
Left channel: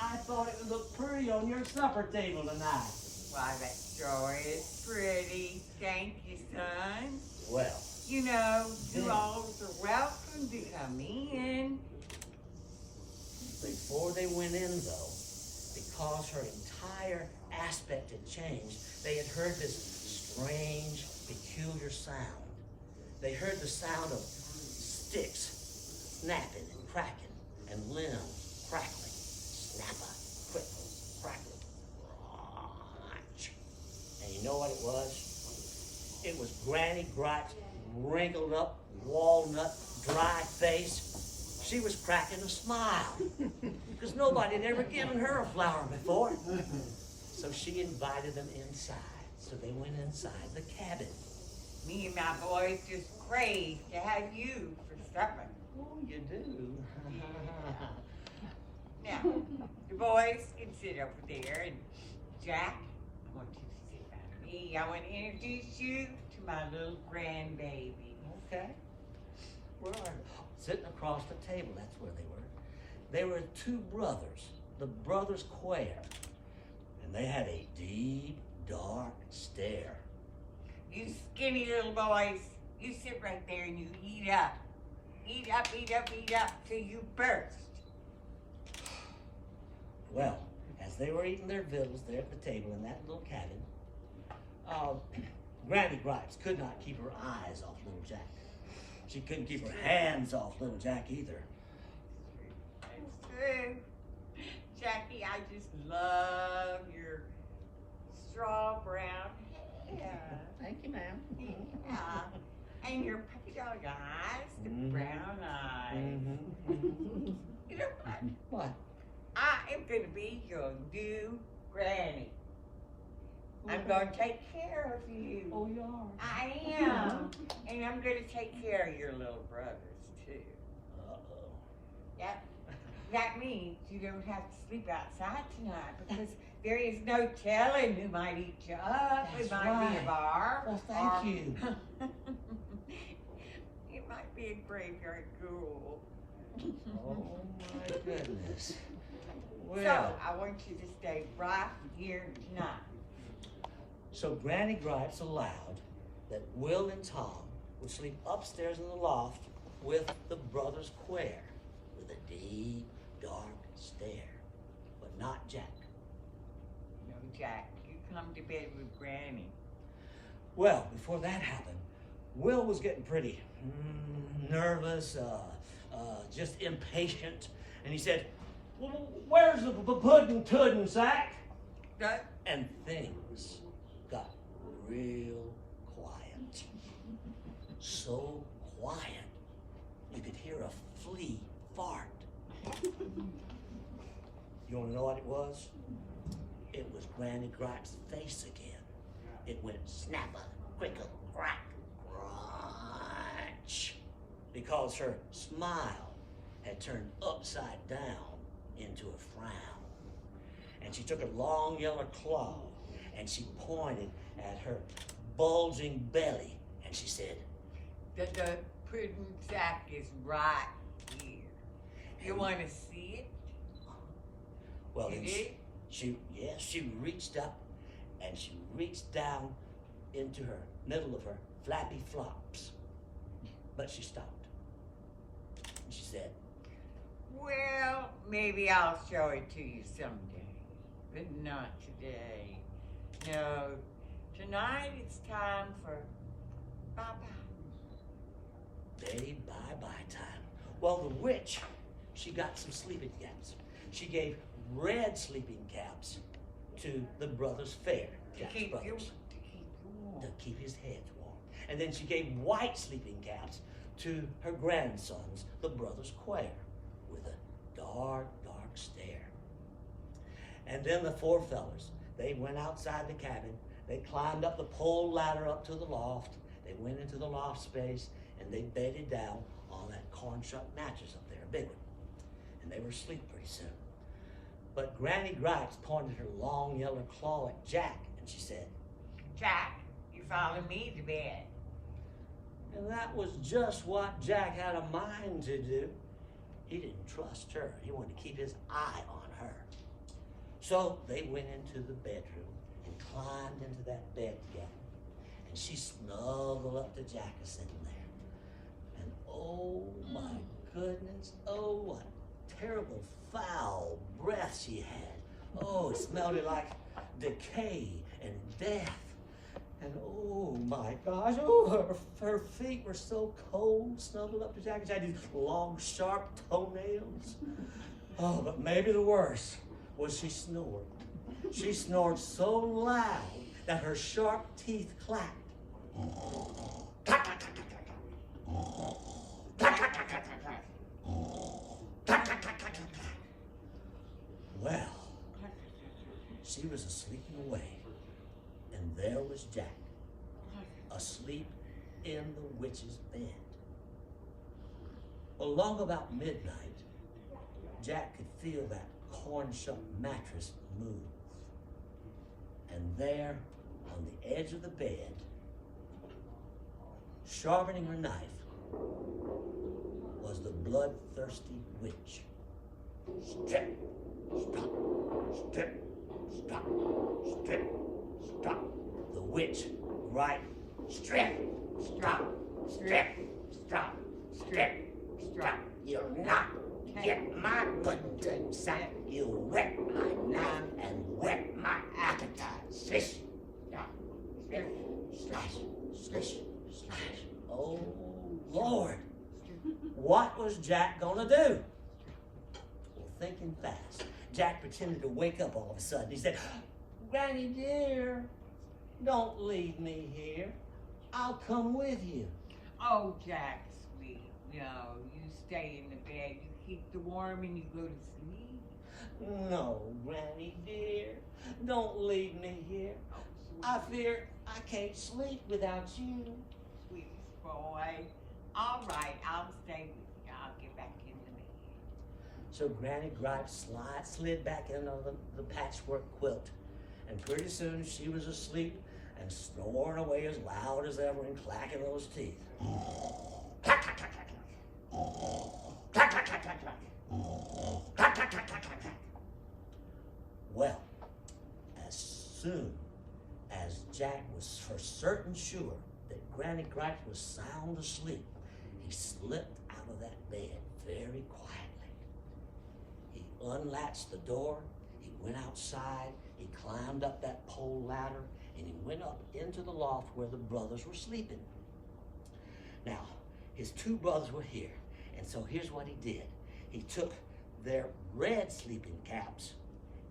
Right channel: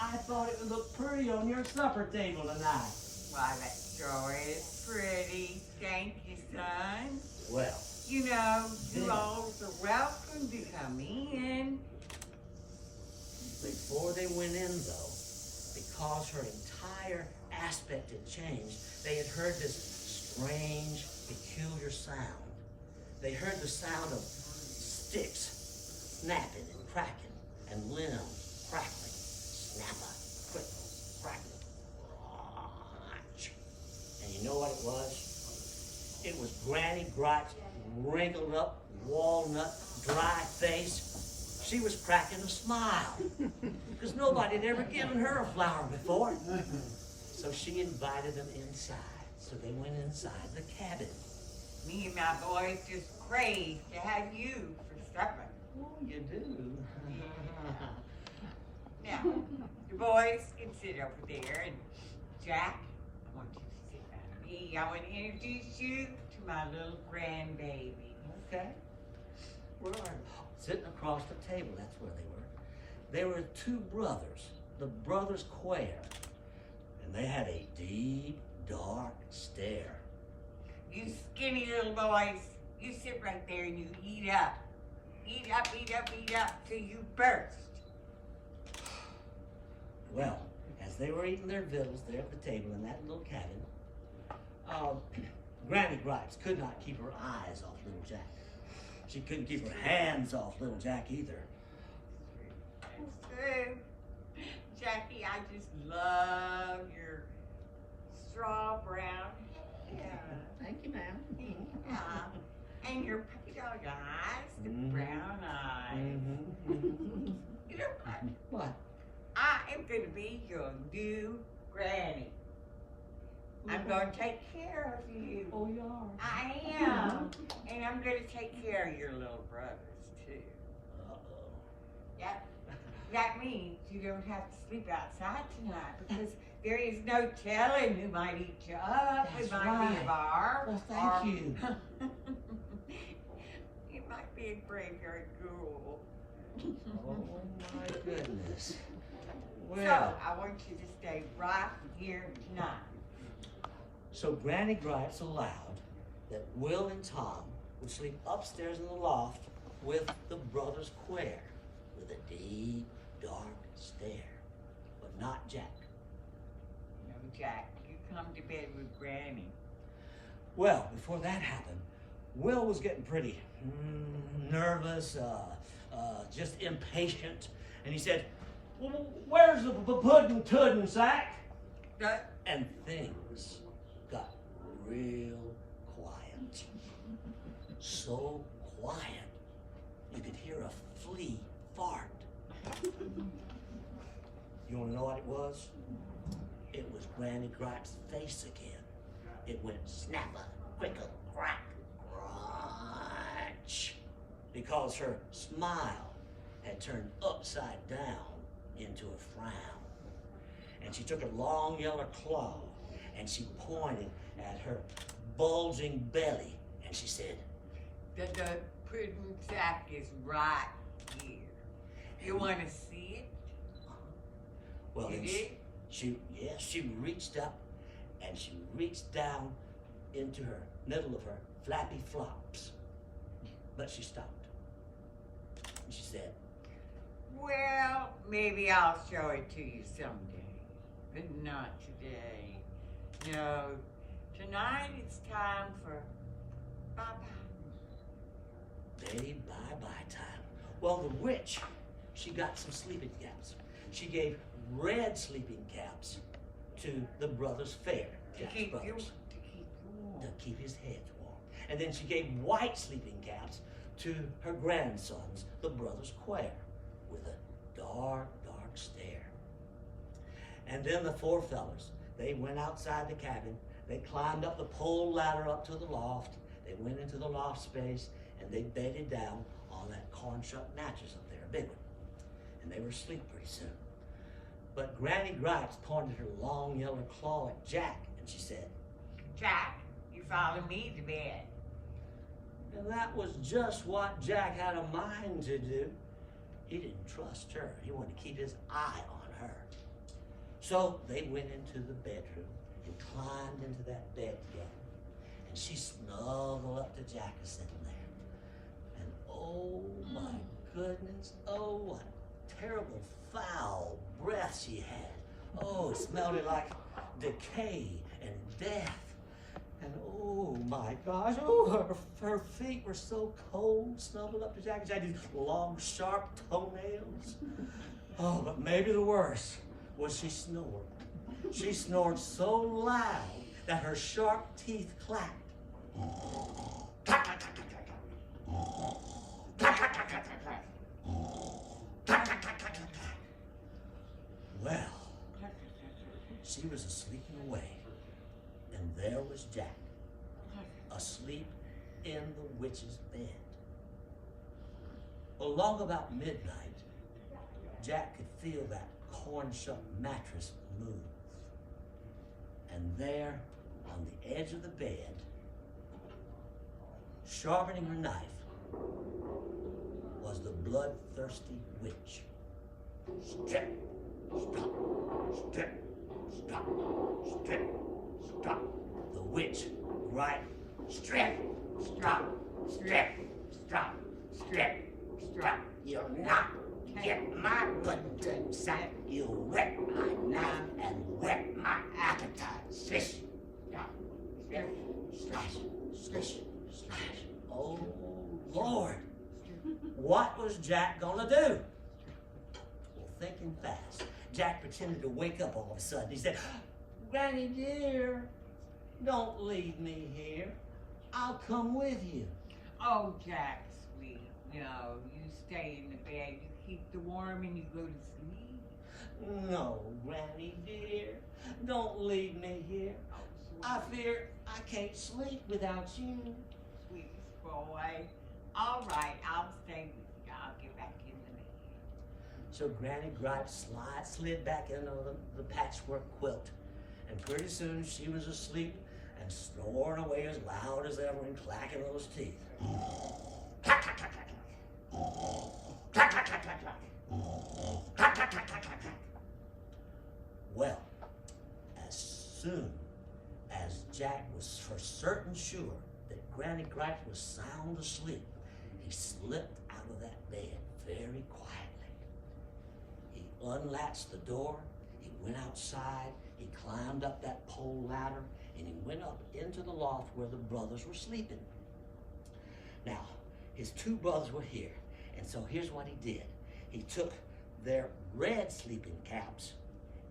I thought it would look pretty on your supper table tonight. Why, that story is pretty. Thank you, son. Well, You know, you Yeah. all are welcome to come in. before they went in, though, because her entire aspect had changed, they had heard this strange, peculiar sound. They heard the sound of sticks snapping and cracking, and limbs crackling, snapper, crickle, crackling. And you know what it was? It was Granny Grice's wrinkled up, walnut, dry face. She was cracking a smile because nobody had ever given her a flower before. So she invited them inside. So they went inside the cabin. Me and my boys just crave to have you for supper. Oh, you do? Now, the boys can sit over there, and Jack, I want you to sit by me. I want to introduce you to my little grandbaby. Okay. Where are they? Sitting across the table, that's where they were. They were two brothers, the brothers Quare. And they had a deep, dark stare. You skinny little boys, you sit right there and you eat up. Eat up, eat up, eat up till you burst. Well, as they were eating their victuals there at the table in that little cabin, Granny Grice could not keep her eyes off little Jack. She couldn't keep her hands off little Jack either. It's true. Jackie, I just love your straw brown hair. Thank you, ma'am. Yeah. And your puppy dog eyes, the Mhm. brown eyes. You know what? What? I am going to be your new granny. I'm going to take care of you. Oh, you are? I am. And I'm going to take care of your little brothers, too. Uh-oh. That means you don't have to sleep outside tonight because there is no telling who might eat you up. That's It might be a right. bar. Well, thank you. It might be a graveyard ghoul. Oh, my goodness. So, Well, I want you to stay right here tonight. so Granny Grice allowed that Will and Tom would sleep upstairs in the loft with the brothers Quare, with a deep, dark stare, but not Jack. No, Jack, you come to bed with Granny. Well, before that happened, Will was getting pretty nervous, just impatient, and he said, well, where's the Pudden-Tudden Sack? That, And things got real quiet. So quiet, you could hear a flea fart. You wanna know what it was? It was Granny Grice's face again. it went snapper, crickle, crack, crunch, because her smile had turned upside down into a frown. And she took a long yellow claw and she pointed at her bulging belly and she said, The Pudden Sack is right here. You want to see it? well, You then did? she reached up and she reached down into her middle of her flappy flops. But she stopped. And she said, Well, maybe I'll show it to you someday, but not today. No, tonight it's time for bye-bye. Day bye-bye time. Well, the witch, she got some sleeping caps. She gave red sleeping caps to the brothers Fair, Jack's brothers, to keep his heads warm. And then she gave white sleeping caps to her grandsons, the brothers Quare, with a dark, dark stare. And then the four fellers, they went outside the cabin. They climbed up the pole ladder up to the loft. They went into the loft space and they bedded down on that corn shuck mattress up there, a big one. And they were asleep pretty soon. But Granny Gripes pointed her long yellow claw at Jack and she said, Jack, you follow me to bed. and that was just what Jack had a mind to do. He didn't trust her. He wanted to keep his eye on her. So they went into the bedroom and climbed into that bed together. And she snuggled up to Jack sitting there. And oh my goodness, oh what terrible foul breath she had. Oh, it smelled like decay and death. And oh my gosh, oh, her feet were so cold, snuggled up to Jack. She had these long, sharp toenails. Oh, but maybe the worst was she snored. She snored so loud that her sharp teeth clacked. Well, she was asleep away, and there was Jack, asleep in the witch's bed. Well, long about midnight, Jack could feel that corn shuck mattress move. And there, on the edge of the bed, sharpening her knife, was the bloodthirsty witch. Strip, stop, strip, stop, strip, stop. The witch, right, strip, stop, strip, stop, strip, stop. You'll not get my Pudden-Tudden Sack. You'll wet my knife and wet my appetite. Slish, stop, strip, slash, slish, slash. Oh, Lord. What was Jack gonna do? Well, thinking fast, Jack pretended to wake up all of a sudden. He said, Granny dear, don't leave me here. I'll come with you. Oh, Jack, sweet. No, you stay in the bed. You keep the warm and you go to sleep. No, Granny dear, don't leave me here. I fear I can't sleep without you. Sweetest boy. All right, I'll stay with you. I'll get back in the bed. So Granny Gripes slid back into the patchwork quilt. And pretty soon she was asleep and snoring away as loud as ever and clacking those teeth. Clack, clack, clack, clack, clack. Clack, clack, clack, clack, clack. Clack, clack, clack, clack, clack, clack. Well, as soon as Jack was for certain sure that Granny Gripes was sound asleep, he slipped out of that bed very quietly. He unlatched the door, he went outside, he climbed up that pole ladder, and he went up into the loft where the brothers were sleeping. Now, his two brothers were here, and so here's what he did. He took their red sleeping caps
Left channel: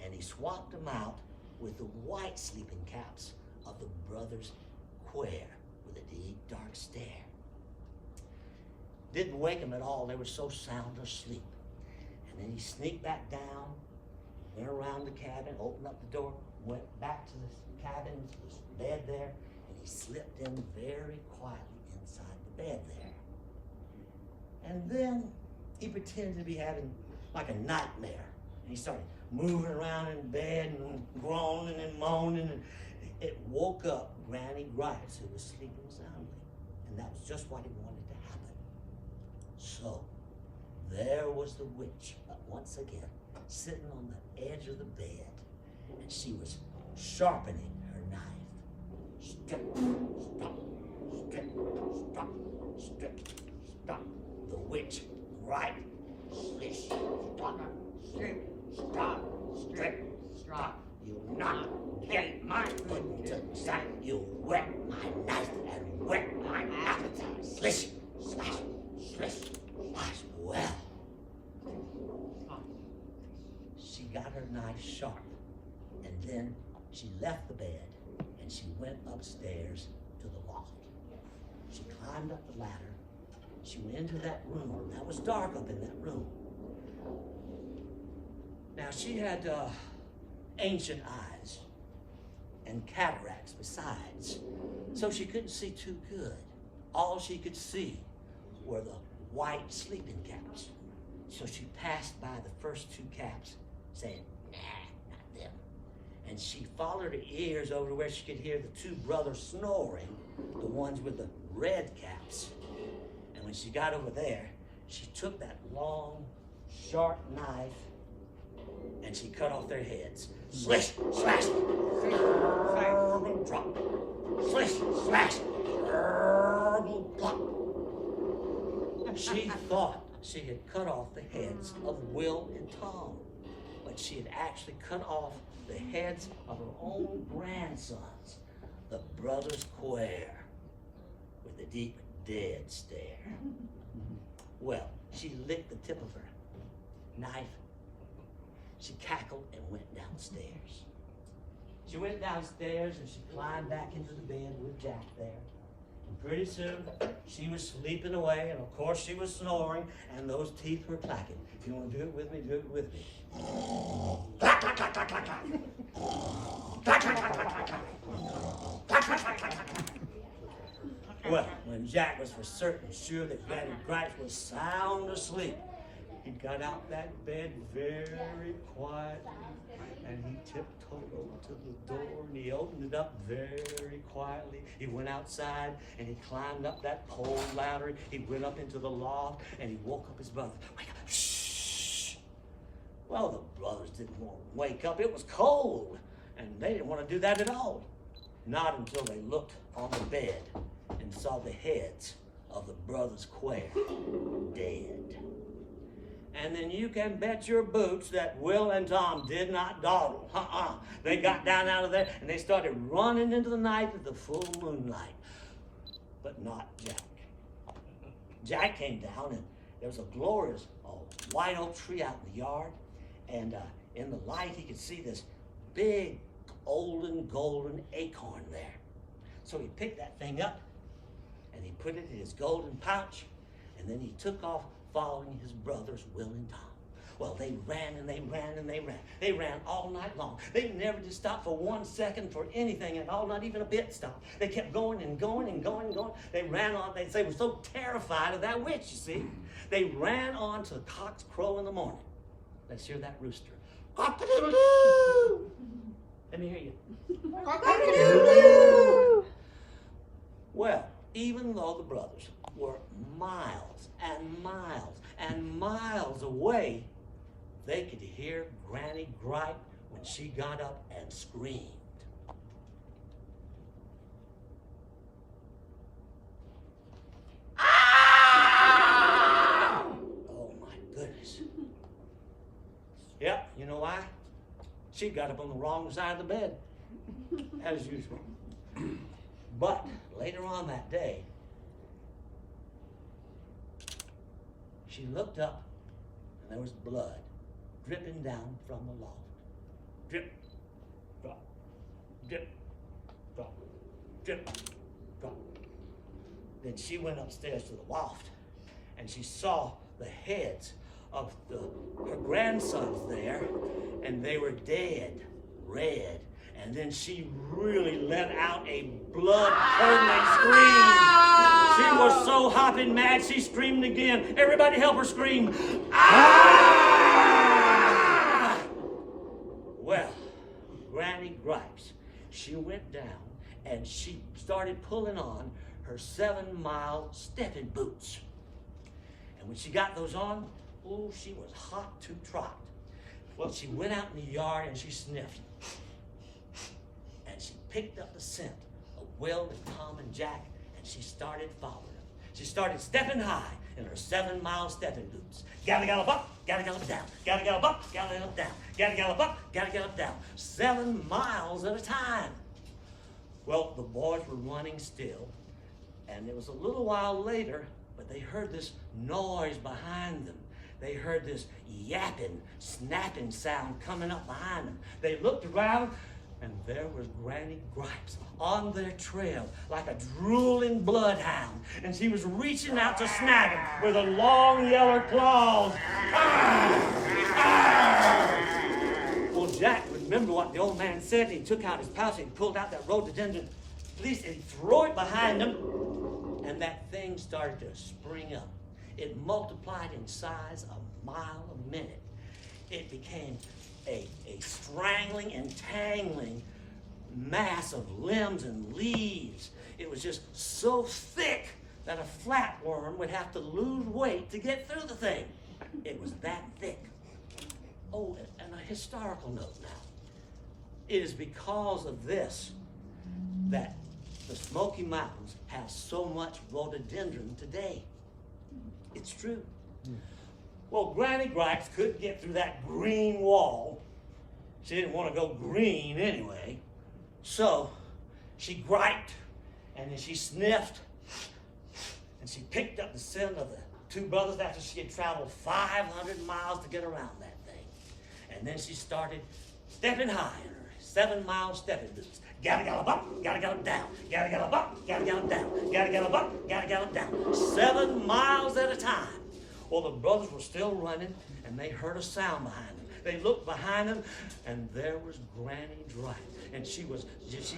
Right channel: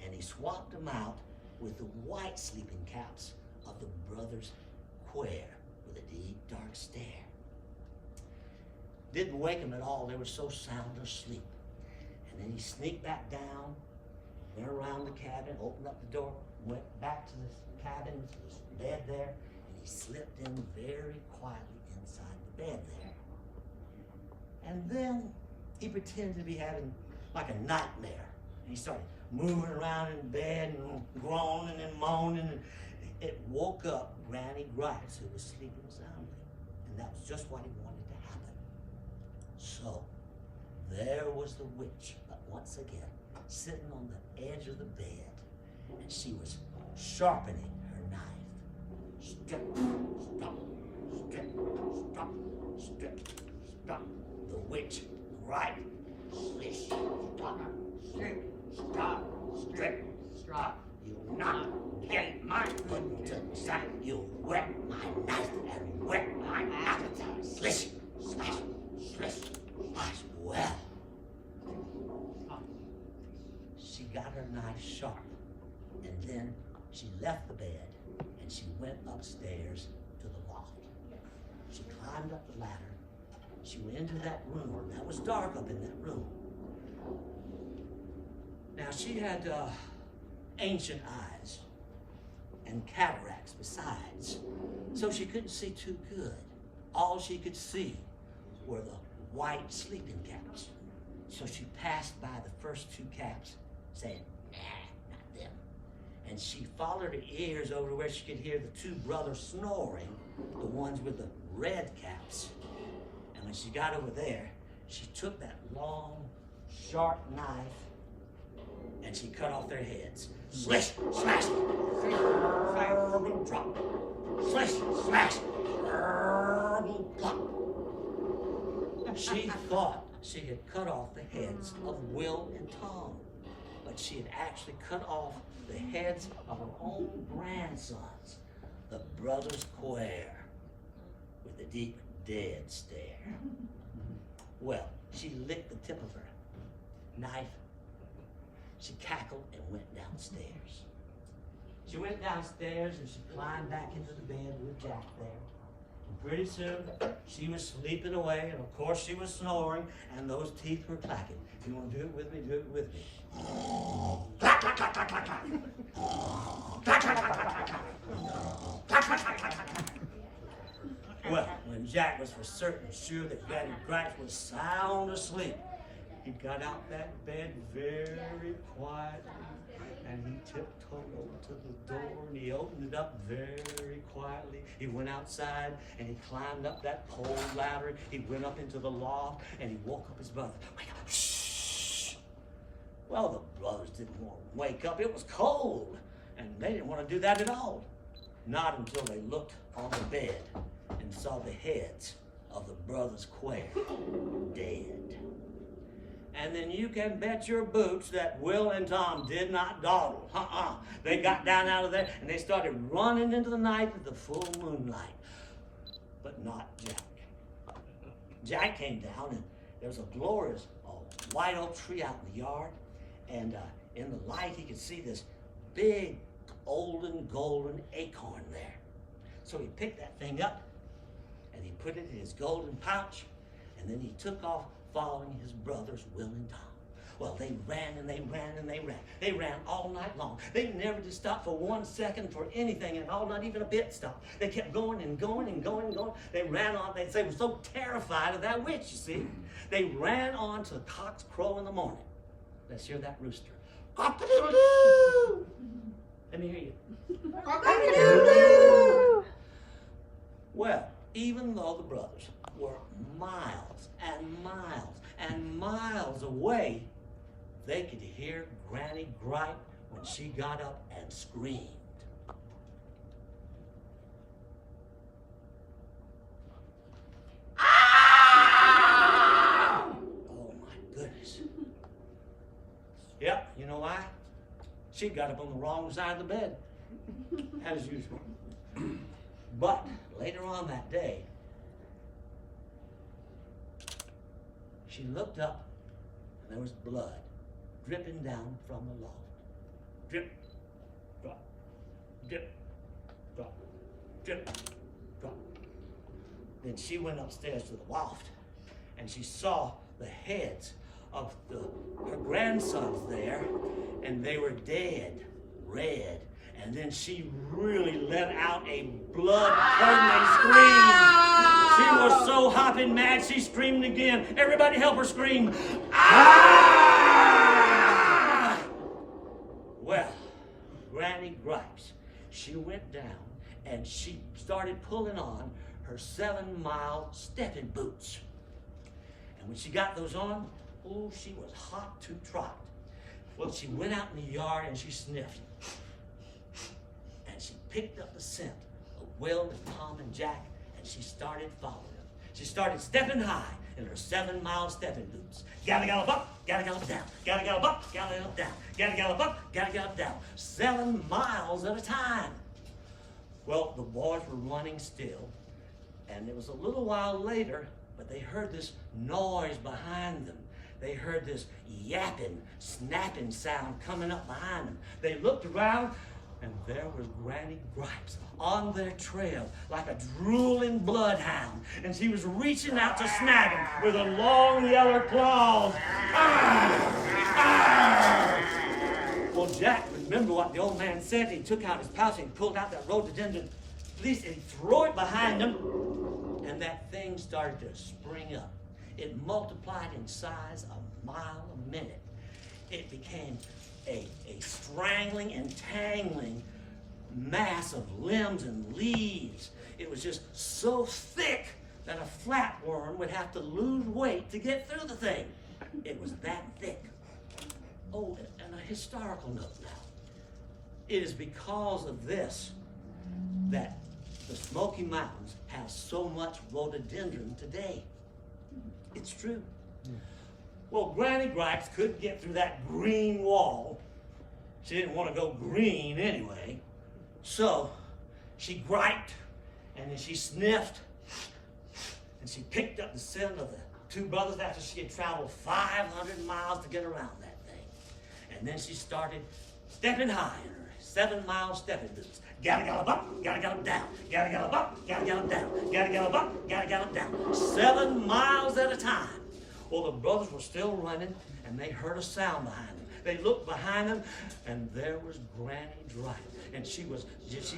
and he swapped them out with the white sleeping caps of the brothers Quare with a deep, dark stare. Didn't wake them at all. They were so sound asleep. And then he sneaked back down went around the cabin, opened up the door, went back to the cabin, to the bed there, and he slipped in very quietly inside the bed there. And then he pretended to be having like a nightmare. And he started moving around in bed and groaning and moaning, and it woke up Granny Grice, who was sleeping soundly. And that was just what he wanted to happen. So there was the witch once again, sitting on the edge of the bed, and she was sharpening her knife. Strip, stop, strip, stop, strip, stop. The witch, right, slish, stop, strip, stop, strip, stop. You not get my Pudden-Tudden Sack. You wet my knife and wet my appetite. Slish, slash, slish, slash. Well, she got her knife sharp, and then she left the bed and she went upstairs to the loft. She climbed up the ladder. She went into that room. That was dark up in that room. Now she had ancient eyes and cataracts besides, so she couldn't see too good. All she could see were the white sleeping caps. So she passed by the first two caps, saying, nah, not them. And she followed her ears over to where she could hear the two brothers snoring, the ones with the red caps. And when she got over there, she took that long, sharp knife and she cut off their heads. Slish, slash, drop. Slish, slash, plop. She thought she had cut off the heads of Will and Tom, but she had actually cut off the heads of her own grandsons, the brothers Quare, with a deep, dead stare. Well, she licked the tip of her knife. She cackled and went downstairs. She went downstairs and she climbed back into the bed with Jack there. And pretty soon, she was sleeping away, and of course she was snoring, and those teeth were clacking. If you want to do it with me, do it with me. Clack, clack, clack, clack, clack, clack. Clack, clack, clack, clack, clack, clack. Clack, clack, clack, clack, clack. Well, when Jack was for certain sure that Granny Grice was sound asleep, he got out that bed very quietly, and he tiptoed over to the door, and he opened it up very quietly. He went outside, and he climbed up that pole ladder. He went up into the loft, and he woke up his brother. Wake up, shh! Well, the brothers didn't want to wake up. It was cold, and they didn't want to do that at all. Not until they looked on the bed and saw the heads of the brothers Quare dead. And then you can bet your boots that Will and Tom did not dawdle. They got down out of there and they started running into the night with the full moonlight. But not Jack. Jack came down and there was a glorious white oak tree out in the yard. And in the light he could see this big golden acorn there. So he picked that thing up and he put it in his golden pouch, and then he took off following his brothers Will and Tom. Well, they ran and they ran and they ran. They ran all night long. They never did stop for 1 second for anything at all, not even a bit stop. They kept going and going and going and going. They ran on. They were so terrified of that witch, you see. They ran on to the cock's crow in the morning. Let's hear that rooster. Cock-a-doodle-doo! Let me hear you. Cock-a-doodle-doo! Well, even though the brothers were miles and miles and miles away, they could hear Granny gripe when she got up and screamed. Ah! Oh my goodness. Yep, you know why? She got up on the wrong side of the bed, as usual. But later on that day, she looked up and there was blood dripping down from the loft. Drip, drop, drip, drop, drip, drop. Then she went upstairs to the loft and she saw the heads of her grandsons there, and they were dead, red. And then she really let out a blood-curdling scream. She was so hopping mad, she screamed again. Everybody help her scream. Ah! Well, Granny Gripes, she went down and she started pulling on her 7-mile stepping boots. And when she got those on, oh, she was hot to trot. Well, she went out in the yard and she sniffed. And she picked up the scent of Will and Tom and Jack, and she started following them. She started stepping high in her 7-mile stepping boots. Gallop, gallop up, gallop, gallop down. Gallop, gallop up, gallop, gallop down. Gallop, gallop up, gallop, gallop down. 7 miles at a time. Well, the boys were running still, and it was a little while later, but they heard this noise behind them. They heard this yapping, snapping sound coming up behind them. They looked around, and there was Granny Gripes on their trail like a drooling bloodhound. And she was reaching out to snag him with her long yellow claws. Well, Jack remembered what the old man said. He took out his pouch and he pulled out that rhododendron fleece and he threw it behind him. And that thing started to spring up. It multiplied in size a mile a minute. It became a strangling and tangling mass of limbs and leaves. It was just so thick that a flatworm would have to lose weight to get through the thing. It was that thick. Oh, and a historical note now. It is because of this that the Smoky Mountains have so much rhododendron today. It's true. Well, Granny Gripes couldn't get through that green wall. She didn't want to go green anyway. So she griped, and then she sniffed, and she picked up the scent of the 2 brothers after she had traveled 500 miles to get around that thing. And then she started stepping high in her 7-mile stepping boots. Gotta gallop up, gotta gallop down. Gotta gallop up, gotta gallop down. Gotta gallop up, gotta gallop down. 7 miles at a time. Well, the brothers were still running, and they heard a sound behind them. They looked behind them, and there was Granny Gripes. And she was just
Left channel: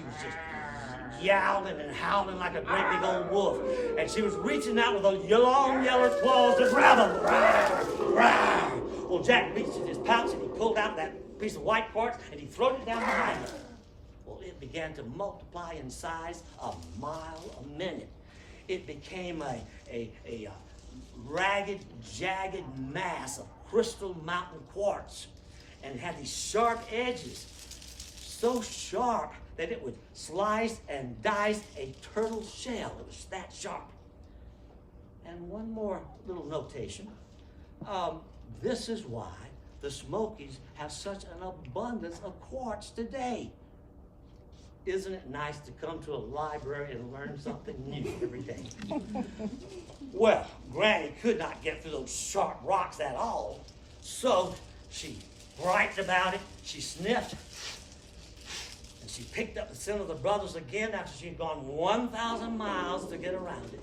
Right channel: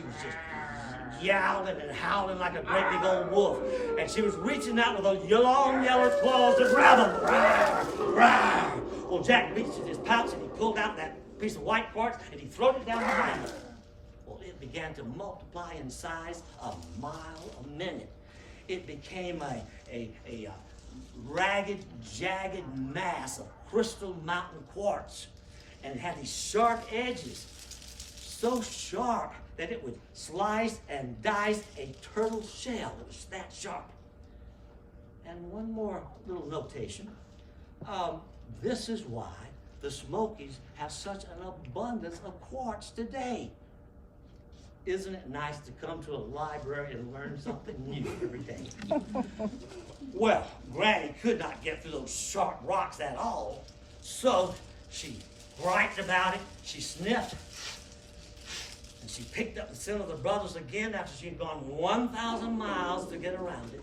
yowling and howling like a great big old wolf. And she was reaching out with those long yellow claws to grab them. Well, Jack reached in his pouch, and he pulled out that piece of white quartz, and he threw it down behind him. Well, it began to multiply in size a mile a minute. It became a ragged, jagged mass of crystal mountain quartz. And it had these sharp edges, so sharp that it would slice and dice a turtle shell. It was that sharp. And one more little notation. This is why the Smokies have such an abundance of quartz today. Isn't it nice to come to a library and learn something new every day? Well, Granny could not get through those sharp rocks at all, so she griped about it, she sniffed, and she picked up the scent of the brothers again after she had gone 1,000 miles to get around it.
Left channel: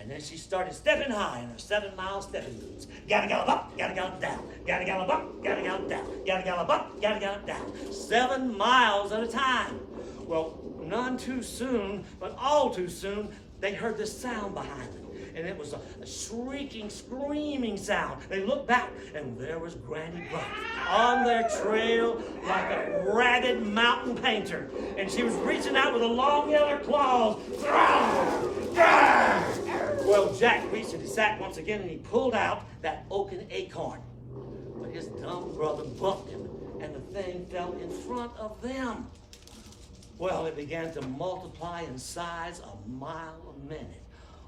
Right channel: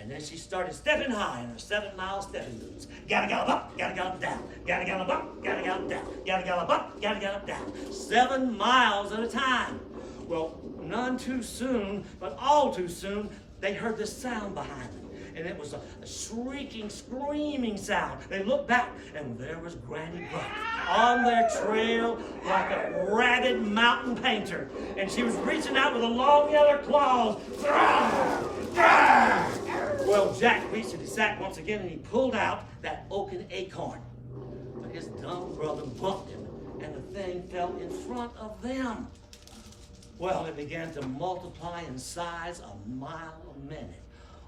And then she started stepping high in her 7-mile stepping boots. Gotta gallop up, gotta gallop down. Gotta gallop up, gotta gallop down. Gotta gallop up, gotta gallop down. 7 miles at a time. Well, none too soon, but all too soon, they heard this sound behind them. And it was a shrieking, screaming sound. They looked back, and there was Granny Gripes on their trail like a ragged mountain painter. And she was reaching out with her long yellow claws. Well, Jack reached in his sack once again, and he pulled out that oaken acorn. But his dumb brother bucked him, and the thing fell in front of them. Well, it began to multiply in size a mile a minute.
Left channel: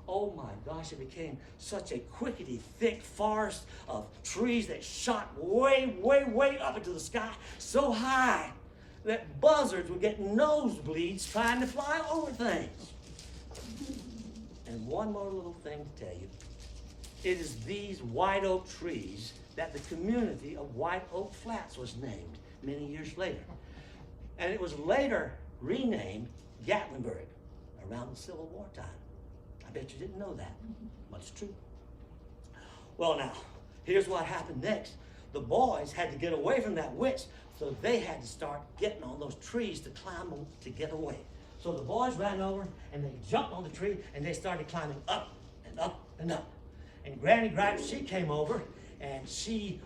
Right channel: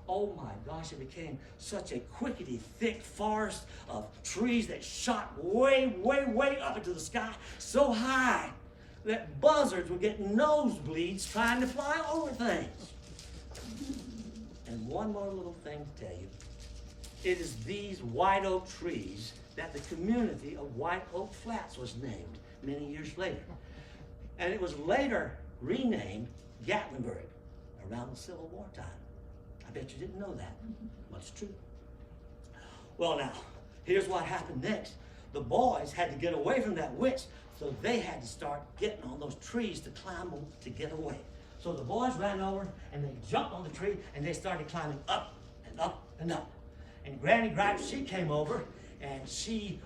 Oh my gosh, it became such a quickety thick forest of trees that shot way, way, way up into the sky, so high that buzzards would get nosebleeds trying to fly over things. And one more little thing to tell you. It is these white oak trees that the community of White Oak Flats was named many years later. And it was later renamed Gatlinburg around the Civil War time. I bet you didn't know that. But it's true. Well, now, here's what happened next. The boys had to get away from that witch, so they had to start getting on those trees to climb them to get away. So the boys ran over and they jumped on the tree and they started climbing up and up and up. And Granny Gripes, she came over and she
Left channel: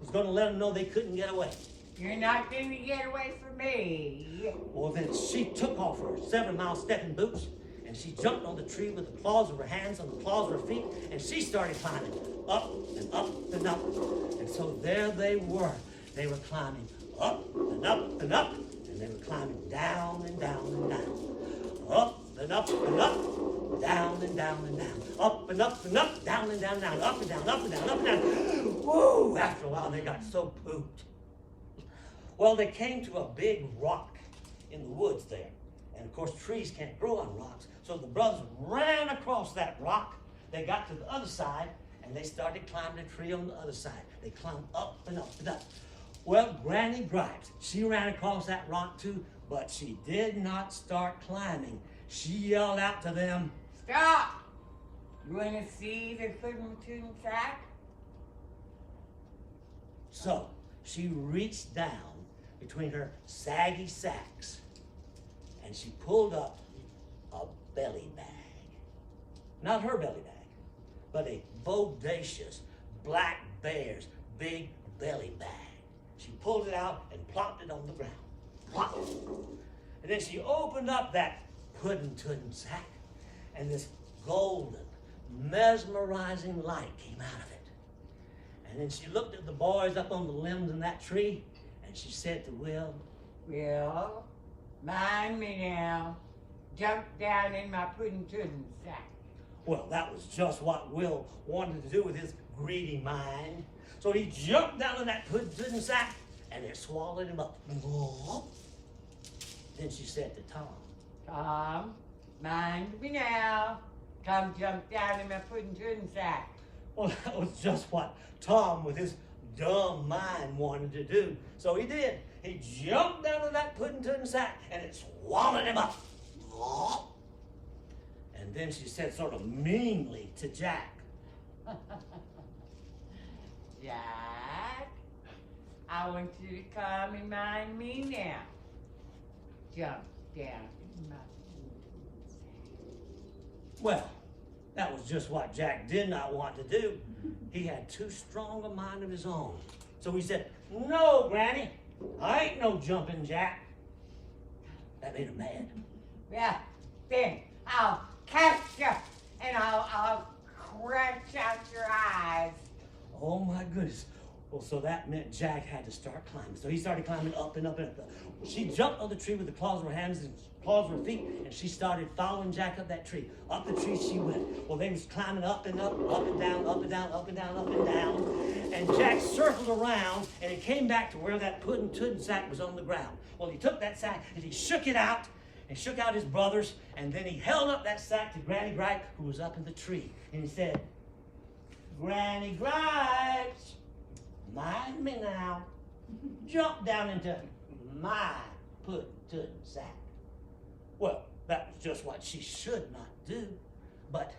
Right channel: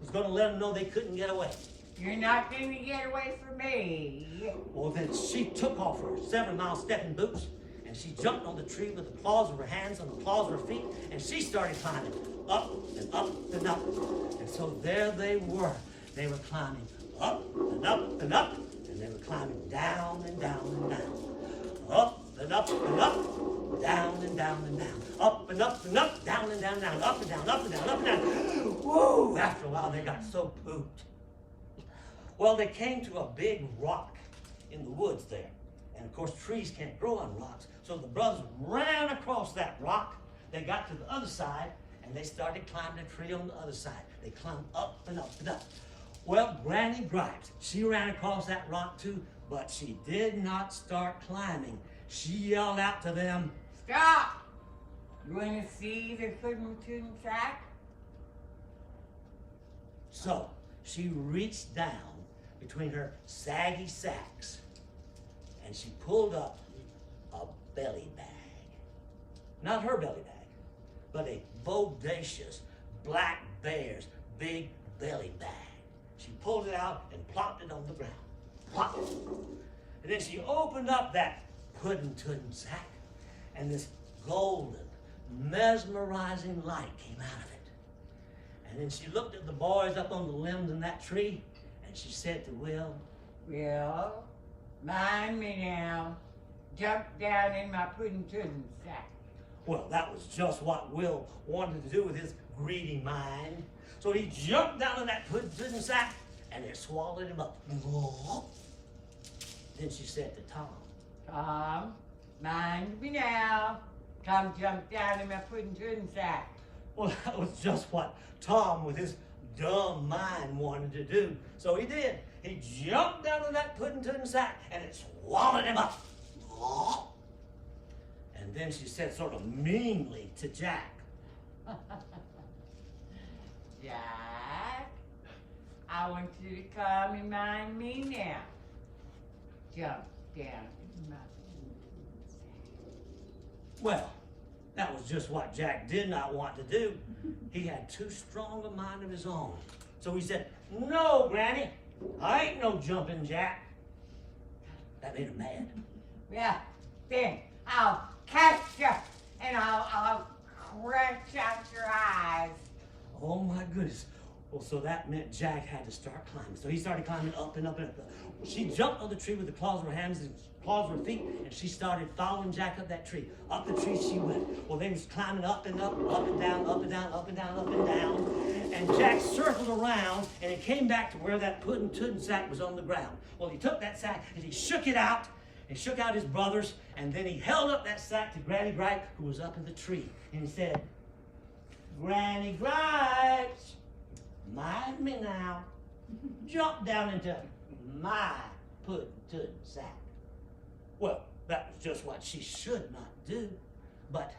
was going to let them know they couldn't get away. You're not going to get away from me. Well, then she took off her 7-mile stepping boots and she jumped on the tree with the claws of her hands and the claws of her feet, and she started climbing up and up and up. And so there they were. They were climbing up and up and up, and they were climbing down and down and down. Up and up and up, down and down and down. Up and up and up, down and down and down, up and down, up and down, up and down. Whoa! After a while, they got so pooped. Well, they came to a big rock in the woods there. And of course, trees can't grow on rocks. So the brothers ran across that rock. They got to the other side, and they started climbing the tree on the other side. They climbed up and up and up. Well, Granny Gripes, she ran across that rock too, but she did not start climbing. She yelled out to them, Stop! You want to see the Pudden-Tudden Sack? So she reached down between her saggy sacks and she pulled up a belly bag. Not her belly bag, but a bodacious black bear's big belly bag. She pulled it out and plopped it on the ground. Plop. And then she opened up that Pudden-Tudden Sack, and this golden, mesmerizing light came out of it. And then she looked at the boys up on the limbs in that tree, and she said to Will, Will, mind me now. Jump down in my Pudden-Tudden Sack. well, that was just what Will wanted to do with his greedy mind. So he jumped down in that Pudden-Tudden Sack, and it swallowed him up. Then she said to Tom, Tom, mind me now. Come jump down in my Pudden-Tudden Sack. well, that was just what Tom, with his dumb mind, wanted to do. So he did. He jumped down in that Pudden-Tudden Sack, and it swallowed him up. And then she said sort of meanly to Jack, Jack, I want you to come and mind me now. Jump down in my Pudden-Tudden Sack. well, that was just what Jack did not want to do. He had too strong a mind of his own. So he said, no, Granny, I ain't no jumping Jack. That made her mad. Well, then I'll catch you and I'll scratch out your eyes. Oh my goodness. Well, so that meant Jack had to start climbing. So he started climbing up and up and up. She jumped on the tree with the claws of her hands and claws of her feet, and she started following Jack up that tree. Up the tree she went. Well, they was climbing up and up, up and down, up and down, up and down, up and down. And Jack circled around, and he came back to where that Pudden-Tudden Sack was on the ground. Well, he took that sack, and he shook it out, and shook out his brothers, and then he held up that sack to Granny Gripe, who was up in the tree. And he said, Granny Gripes, mind me now. Jump down into my Pudden-Tudden Sack. Well, that was just what she should not do, but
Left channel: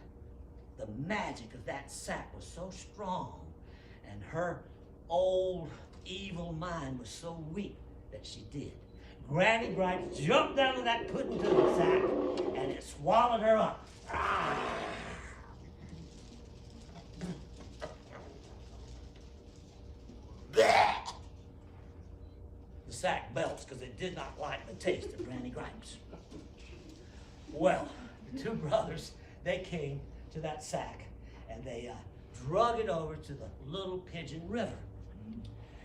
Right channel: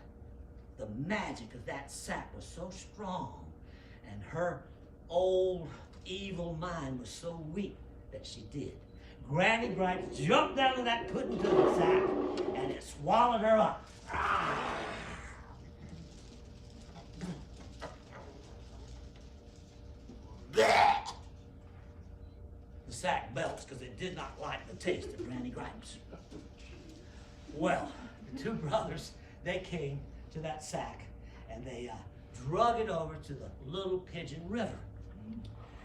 the magic of that sack was so strong, and her old evil mind was so weak that she did. Granny Gripes jumped down to that Pudden-Tudden Sack, and it swallowed her up. Ah! Blech! The sack belched because it did not like the taste of Granny Gripes. Well, the two brothers, they came to that sack, and they drug it over to the little Pigeon River.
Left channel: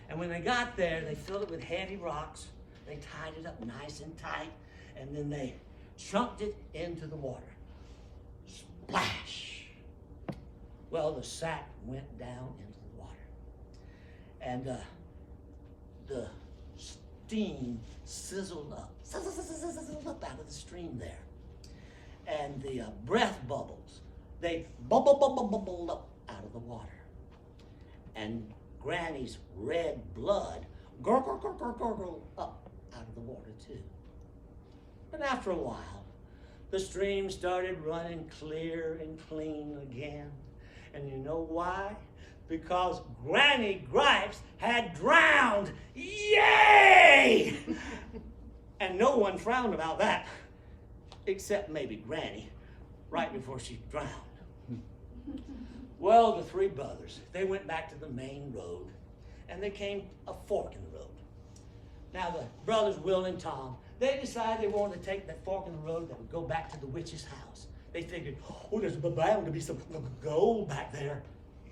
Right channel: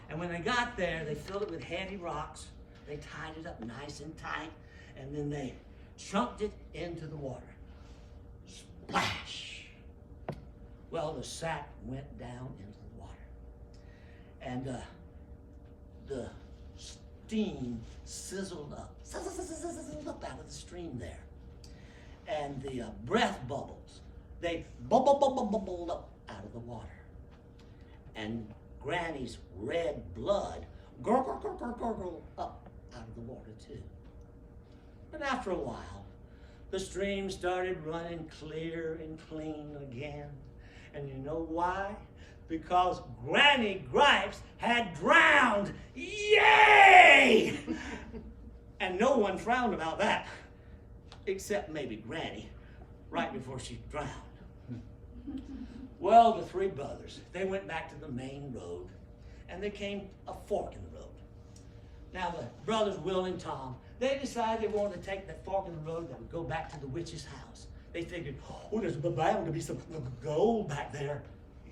And when they got there, they filled it with heavy rocks. They tied it up nice and tight, and then they chunked it into the water. Splash! Well, the sack went down into the water. And the steam sizzled up out of the stream there. And the breath bubbles, they bubbled up out of the water. And Granny's red blood gurgled up out of the water too. But after a while, the stream started running clear and clean again. And you know why? because Granny Gripes had drowned. Yay! And no one frowned about that, except maybe Granny, right before she drowned. Well, the three brothers, they went back to the main road, and they came to a fork in the road. Now, the brothers, Will and Tom, they decided they wanted to take that fork in the road that would go back to the witch's house. They figured, oh, there's bound to be some gold back there.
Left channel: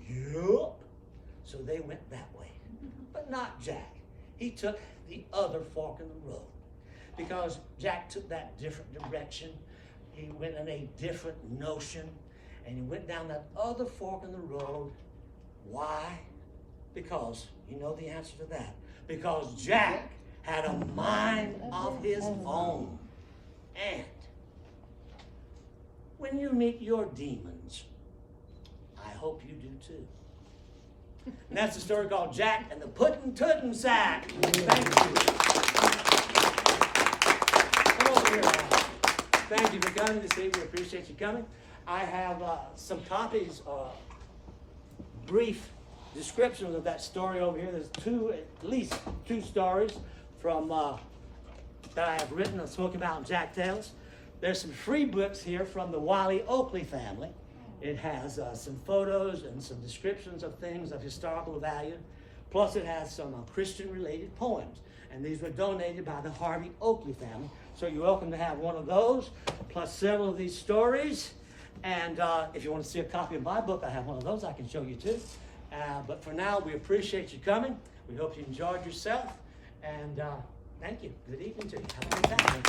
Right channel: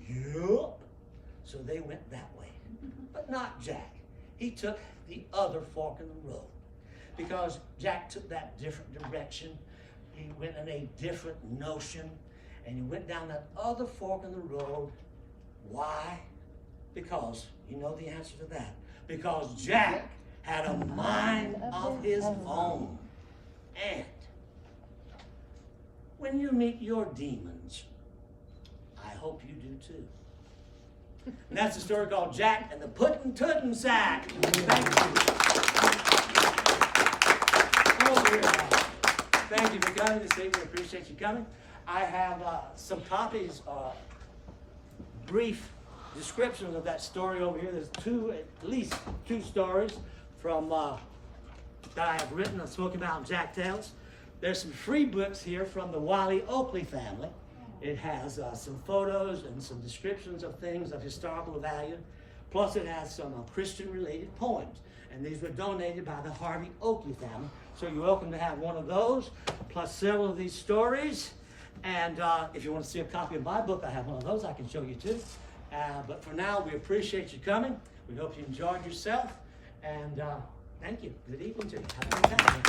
Yup. So they went that way. But not Jack. He took the other fork in the road, because Jack took that different direction. He went in a different notion, and he went down that other fork in the road. Why? Because, you know the answer to that. Because Jack had a mind of his own. And when you meet your demons, I hope you do too. And that's a story called Jack and the Pudden-Tudden Sack. Thank you. Come over here, guys. Thank you for coming this evening. We appreciate you coming. I have some copies, brief descriptions of that story over here. There's at least two stories from that I have written and spoken about in Jack Tales. There's some free books here from the Wiley Oakley family. It has some photos and some descriptions of things of historical value. Plus it has some Christian-related poems. And these were donated by the Harville Oakley family. So you're welcome to have one of those, plus several of these stories. And if you want to see a copy of my book, I have one of those I can show you too. But for now, we appreciate you coming. We hope you enjoyed yourself. And thank you. Good evening to you. Have a good time.